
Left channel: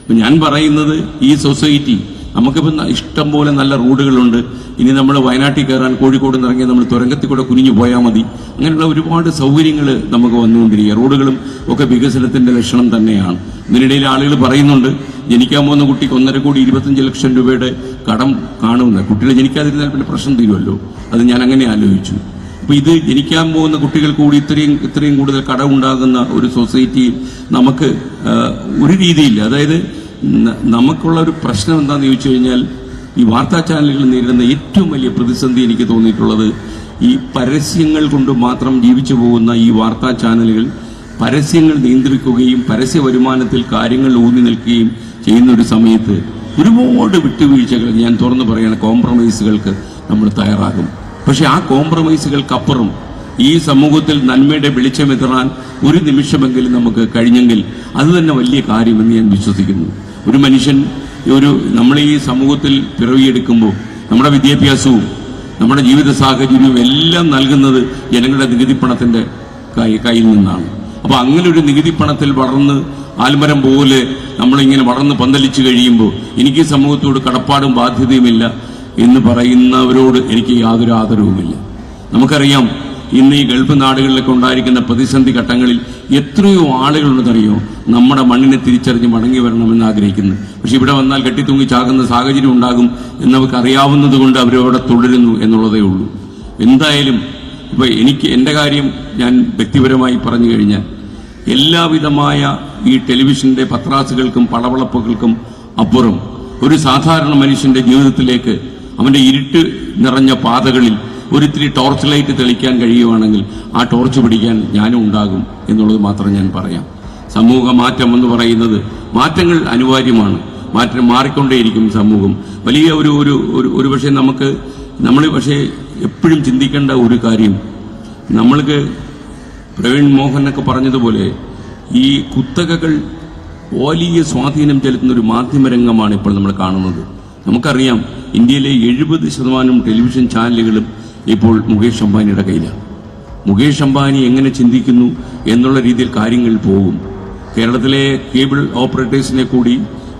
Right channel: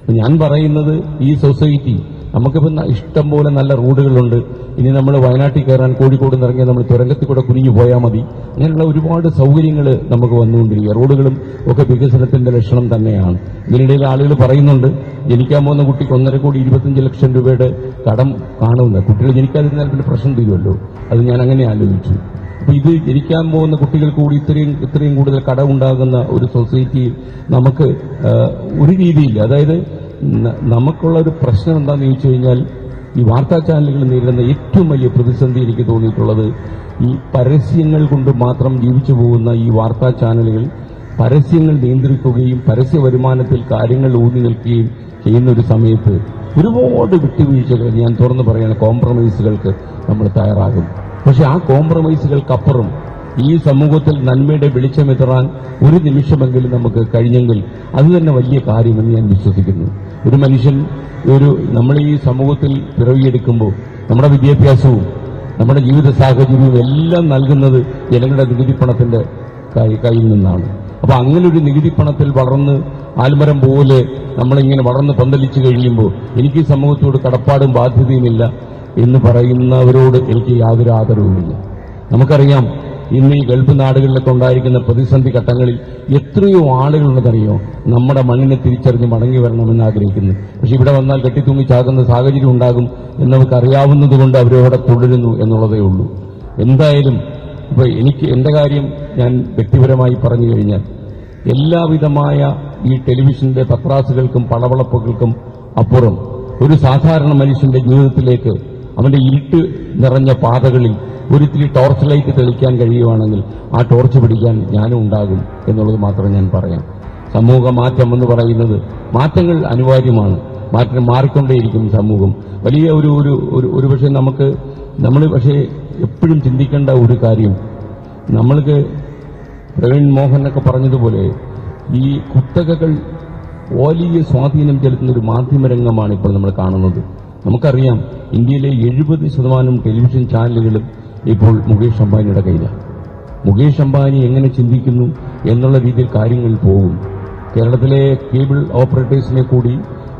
അപ്പം ഞാൻ പറയുന്നത്, ഈ സൊസൈറ്റി നമുക്കിപ്പോൾ ഇഷ്ടം പോലെ നല്ല റോഡുകളുണ്ട്. ഇനി നമ്മൾ വയനാട്ടിൽ കയറാൻ കോഴിക്കോട് നിന്നിറങ്ങി നമ്മൾ തുരങ്കത്തിൽ കൂടെ കുനിഞ്ഞു പോയാൽ മതി. അങ്ങനെയുള്ള ഒരുപാട് സൗകര്യങ്ങൾ നമുക്ക് വന്നുകൊണ്ടിരിക്കുക. റോഡുകളും ഒക്കെ വികസനത്തിൻ്റെ ലക്ഷണം തന്നെയാണ്. ഇതിനിടയിൽ ആളുകൾ പറയുന്നുണ്ട്, ജനിക്കാൻ പോകുന്ന കുട്ടിക്ക് 1.5 കോടി 25 ലക്ഷം രൂപയുടെ കടം കാണുന്നത്. കുട്ടികൾ ജനിക്കാതിരുന്നാൽ പിന്നെ പ്രശ്നം തീരുമല്ലോ. അത് ഞാൻ അങ്ങനെ ആലോചിച്ചു. അപ്പോൾ ഇത് ജനിക്കാൻ പോകുന്ന കുട്ടികൾ കൂടി ഇത്രയും കൂടുതൽ കടം ഉണ്ടാകുന്ന ഒരു സൊസൈറ്റിയിൽ നമുക്ക് ഒരു രീതിയില്ല. അതായത് നമുക്കുള്ള ഒരു പ്രശ്നം എന്താണെന്ന് ചോദിച്ചു കഴിഞ്ഞാൽ, ഈ വാർത്താ ചാനലുകൾ നേരിടുന്ന ഏറ്റവും വലിയ പ്രതിസന്ധി എനിക്ക് തോന്നിയിട്ടുള്ളത്, ഈ പരസ്യങ്ങൾ കൊണ്ട് മാത്രം ജീവിച്ചു പോകുന്ന ഈ വാർത്താ ചാനലുകൾ പരസ്യങ്ങൾ നിയന്ത്രിക്കുകയും പരസ്യ വരുമാനത്തിൽ കാര്യങ്ങൾ ഊന്നി നിൽക്കുകയും ചെയ്യുന്ന ഒരു സമയത്ത് ഒരുപാട് വിട്ടുവീഴ്ചകൾ, ഞാൻ തുറന്നു പറയുന്ന കോംപ്രമൈസുകൾക്ക് നമ്മൾ തയ്യാറാകും. പക്ഷെ ആ കോംപ്രമൈസുകൾക്കപ്പുറം ഈ സമൂഹത്തിൽ നന്മയുടെ വെളിച്ചമെത്തിറാൻ ഒരു നിമിഷമെങ്കിലും നമുക്ക് കഴിഞ്ഞെങ്കിൽ അത് തന്നെ വലിയ കാര്യമെന്ന് ഞാൻ വിശ്വസിക്കുന്നു. ഒരു മനുഷ്യൻ നമ്മൾ ഈ സമൂഹത്തിൽ പിറവിയെടുക്കുമ്പോൾ നമ്മുടെ വിദ്യാഭ്യാസവും നമ്മുടെ ജീവിത സാഹചര്യവും എല്ലാം നൽകുന്നത് ജനങ്ങളുടെ നികുതി പണത്തിൻ്റെ കയ്യിൽ നിന്നാണ്. അപ്പോൾ അങ്ങനെ ഒരു നികുതി പണത്തിൽ വളർന്ന് ആൽമരം പോലെ നമ്മളിങ്ങനെ വളർന്ന് പന്തലിച്ചു കഴിയുമ്പോൾ എനിക്ക് സമൂഹത്തോട് കടപ്പാടും ബാധ്യതയുമില്ല എന്ന് പറയുന്നവരോട് എനിക്ക് യാതൊരു ആദരവുമില്ല. നമുക്കറിയാം, ഇന്ന് ഈ ഗൾഫ് നാടുകളിലൊക്കെ ഉണ്ടായിരിക്കുന്ന പ്രതിസന്ധി ഘട്ടങ്ങളിൽ എത്രയോ ആളുകളുണ്ടെന്നറിയോ നമ്മുടെ മണ്ണിനെ തിരിച്ചറിഞ്ഞ് മടങ്ങി വരണമെന്ന് ആഗ്രഹിക്കുന്നു. പക്ഷെ ഇവിടെ വന്നാൽ കെട്ടിത്തൂങ്ങി ചാകുന്ന സാഹചര്യം ഉണ്ടാകും എന്ന് നമുക്ക് അറിയാവുന്നത് കൊണ്ട് അവരവിടെ തുടരുന്നു എന്നുള്ളതേ ഉള്ളൂ. എന്തായാലും ഇപ്പോൾ എൻ്റെ കാര്യം ഞാൻ വ്യക്തിപരമായി പറഞ്ഞു കഴിഞ്ഞാൽ, എല്ലാവിധമായ ഈ ടെലിവിഷൻ്റെ പത്രാസുകൾക്കും പളവളപ്പുകൾക്കും അപ്പുറം ഒരു സാധാരണ മനുഷ്യൻ്റെ ജീവിതത്തിലേക്ക് അവൻ്റെ ഇരുട്ട് നിറഞ്ഞ പാതകളിൽ ഒരിത്തിരി ടോർച്ച് ലൈറ്റ് തെളിക്കാൻ കഴിയുവാണെങ്കിൽ ആ ടോർച്ച് പിടിക്കാൻ ഞാനും ഉണ്ടാകും എന്നുള്ളത് മാത്രം ഞാൻ പറയാം. സമൂഹ മാറ്റം എന്ന് പറയുന്നത്, മാറ്റങ്ങൾ അനിവാര്യമാണ്. മാറ്റം മാറിക്കൊണ്ടേയിരിക്കും സമൂഹം. വലിയ ഒരു പക്ഷേ നമ്മൾ പക്ഷേ എപ്പോഴും ചിന്തിക്കേണ്ട ഒരു കാര്യം, നമ്മൾക്ക് പ്രവീൺ മോഹനൊക്കെ പറഞ്ഞതുപോലെ ഈ കുത്തകകൾ വലിയ സ്വാധീനം ചെലുത്തുന്ന ഒരു മാധ്യമരംഗമാണ് ഇപ്പോൾ നമ്മൾ കാണുന്നത്. നമുക്കറിയാം, ഇന്ത്യയിലെ 70% ടെലിവിഷൻ ചാനലുകളും ഇപ്പോൾ മുകേഷ് അംബാനിയുടെ കയ്യിലാണ്. മുകേഷ് അംബാനി എങ്ങനെ ചിന്തിക്കുന്നു എന്നുള്ള രീതിയിൽ കാര്യങ്ങൾ പോകും. കേരളത്തിലെ കേബിൾ ഓപ്പറേറ്റേഴ്സിനെ കൂടി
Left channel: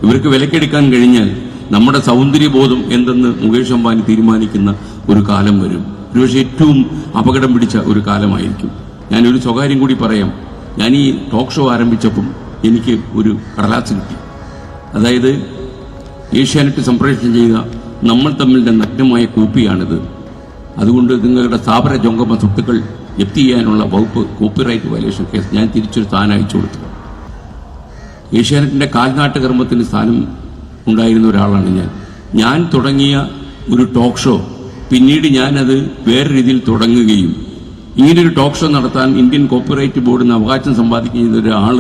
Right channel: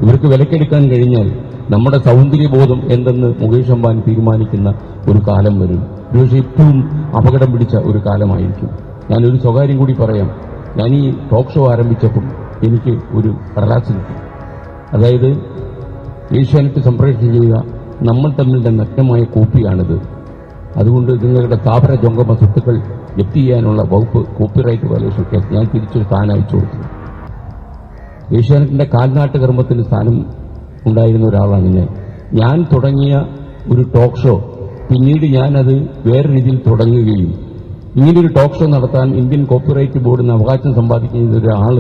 ഇവർക്ക് വിലക്കെടുക്കാൻ കഴിഞ്ഞാൽ നമ്മുടെ സൗന്ദര്യബോധം എന്തെന്ന് മുകേഷ് അംബാനി തീരുമാനിക്കുന്ന ഒരു കാലം വരും. ഒരുപക്ഷെ ഏറ്റവും അപകടം പിടിച്ച ഒരു കാലമായിരിക്കും. ഞാനൊരു സ്വകാര്യം കൂടി പറയാം. ഞാൻ ഈ ടോക്ക് ഷോ ആരംഭിച്ചപ്പം എനിക്ക് ഒരു കടലാസ് കിട്ടി. അതായത് ഏഷ്യാനെറ്റ് സംപ്രേഷണം ചെയ്ത നമ്മൾ തമ്മിലുള്ള നഗ്നമായ കോപ്പിയാണിത്. അതുകൊണ്ട് നിങ്ങളുടെ സ്ഥാപന ജംഗമ സ്വത്തുക്കൾ ജപ്തി ചെയ്യാനുള്ള വകുപ്പ് കോപ്പിറൈറ്റ് വയലേഷൻ കേസ് ഞാൻ തിരിച്ചൊരു സ്ഥാനം അയച്ചു കൊടുത്തു. ഏഷ്യാനെറ്റിൻ്റെ കാൽനാട്ട് കർമ്മത്തിന് സ്ഥാനം ഉണ്ടായിരുന്ന ഒരാളാണ് ഞാൻ തുടങ്ങിയ ഒരു ടോക്ക് ഷോ പിന്നീട് ഞാനത് വേറെ രീതിയിൽ തുടങ്ങുകയും ഇങ്ങനൊരു ടോക്ക് ഷോ നടത്താൻ ഇന്ത്യൻ കോപ്പിറൈറ്റ് ബോർഡിന് അവകാശം സമ്പാദിക്കുന്ന ഒരാൾ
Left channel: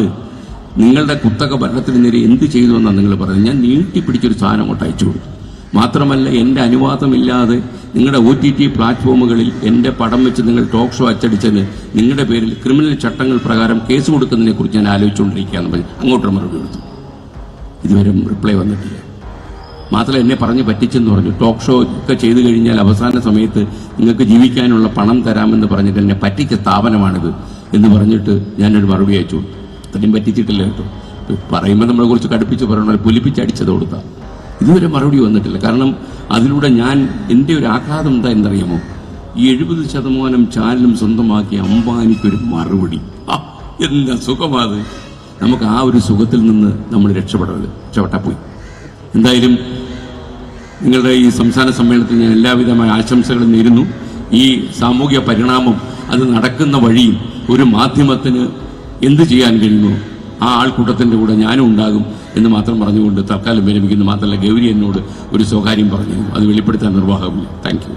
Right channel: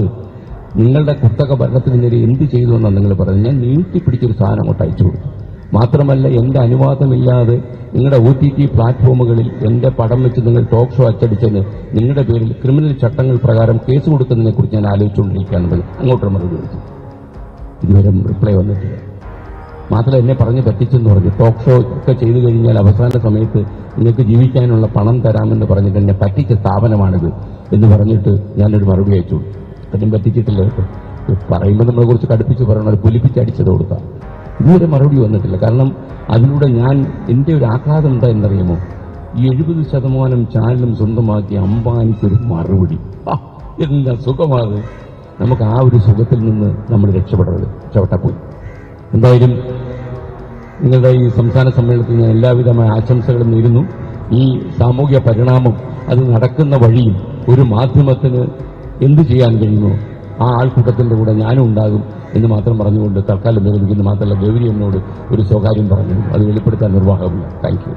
നിങ്ങളുടെ കുത്തക ഭരണത്തിനെതിരെ എന്ത് ചെയ്തു എന്നാണ് നിങ്ങൾ പറയുന്നത്. ഞാൻ നീട്ടിപ്പിടിച്ചൊരു സാധനം അങ്ങോട്ട് അയച്ചു കൊടുത്തു. മാത്രമല്ല, എൻ്റെ അനുവാദമില്ലാതെ നിങ്ങളുടെ OTT പ്ലാറ്റ്ഫോമുകളിൽ എൻ്റെ പടം വെച്ച് നിങ്ങൾ ടോക്ക് ഷോ അച്ചടിച്ചതിന് നിങ്ങളുടെ പേരിൽ ക്രിമിനൽ ചട്ടങ്ങൾ പ്രകാരം കേസ് കൊടുക്കുന്നതിനെ കുറിച്ച് ഞാൻ ആലോചിച്ചുകൊണ്ടിരിക്കുകയെന്ന് പറഞ്ഞ് അങ്ങോട്ടൊരു മറുപടി കൊടുത്തു. ഇതുവരെ റിപ്ലൈ വന്നിട്ടില്ല. മാത്രമല്ല, എന്നെ പറഞ്ഞ് പറ്റിച്ചെന്ന് പറഞ്ഞു. ടോക്ക് ഷോ ഒക്കെ ചെയ്തു കഴിഞ്ഞാൽ അവസാന സമയത്ത് നിങ്ങൾക്ക് ജീവിക്കാനുള്ള പണം തരാമെന്ന് പറഞ്ഞിട്ട് എന്നെ പറ്റിച്ച സ്ഥാപനമാണിത് എന്ന് പറഞ്ഞിട്ട് ഞാനൊരു മറുപടി അയച്ചു. അതിനും പറ്റിച്ചിട്ടില്ല കേട്ടോ. പറയുമ്പോൾ നമ്മൾ കുറച്ച് കടുപ്പിച്ച് പറയണോ, പൊലിപ്പിച്ചടിച്ചത് കൊടുത്താൽ ഇതുവരെ മറുപടി വന്നിട്ടില്ല. കാരണം അതിലൂടെ ഞാൻ എൻ്റെ ഒരു ആഘാതം എന്താ എന്നറിയാമോ, ഈ 70% ചാനലും സ്വന്തമാക്കിയ അംബാനിക്കൊരു മറുപടി. എന്താ സുഖമാത്! നമുക്ക് ആ ഒരു സുഖത്തിൽ നിന്ന് നമ്മൾ രക്ഷപ്പെട്ടാൽ പോയി. എന്തായാലും നിങ്ങളുടെ ഈ സംസ്ഥാന സമ്മേളനത്തിൽ ഞാൻ എല്ലാവിധമായ ആശംസകളും നേരുന്നു. ഈ സാമൂഹ്യ പരിണാമം അത് നടക്കുന്ന വഴിയും ഒരു മാധ്യമത്തിന് എന്ത് ചെയ്യാൻ കഴിയുമോ ആ ആൾക്കൂട്ടത്തിൻ്റെ കൂടെ ഞാനും ഉണ്ടാകും എന്ന് മാത്രം പറഞ്ഞുകൊണ്ട് തൽക്കാലം വിരമിക്കുന്നു. മാത്രമല്ല, ഗൗരി എന്നോട് ഒരു സ്വകാര്യം പറഞ്ഞു, അത് വെളിപ്പെടുത്താൻ നിർവാഹമില്ല. Thank U.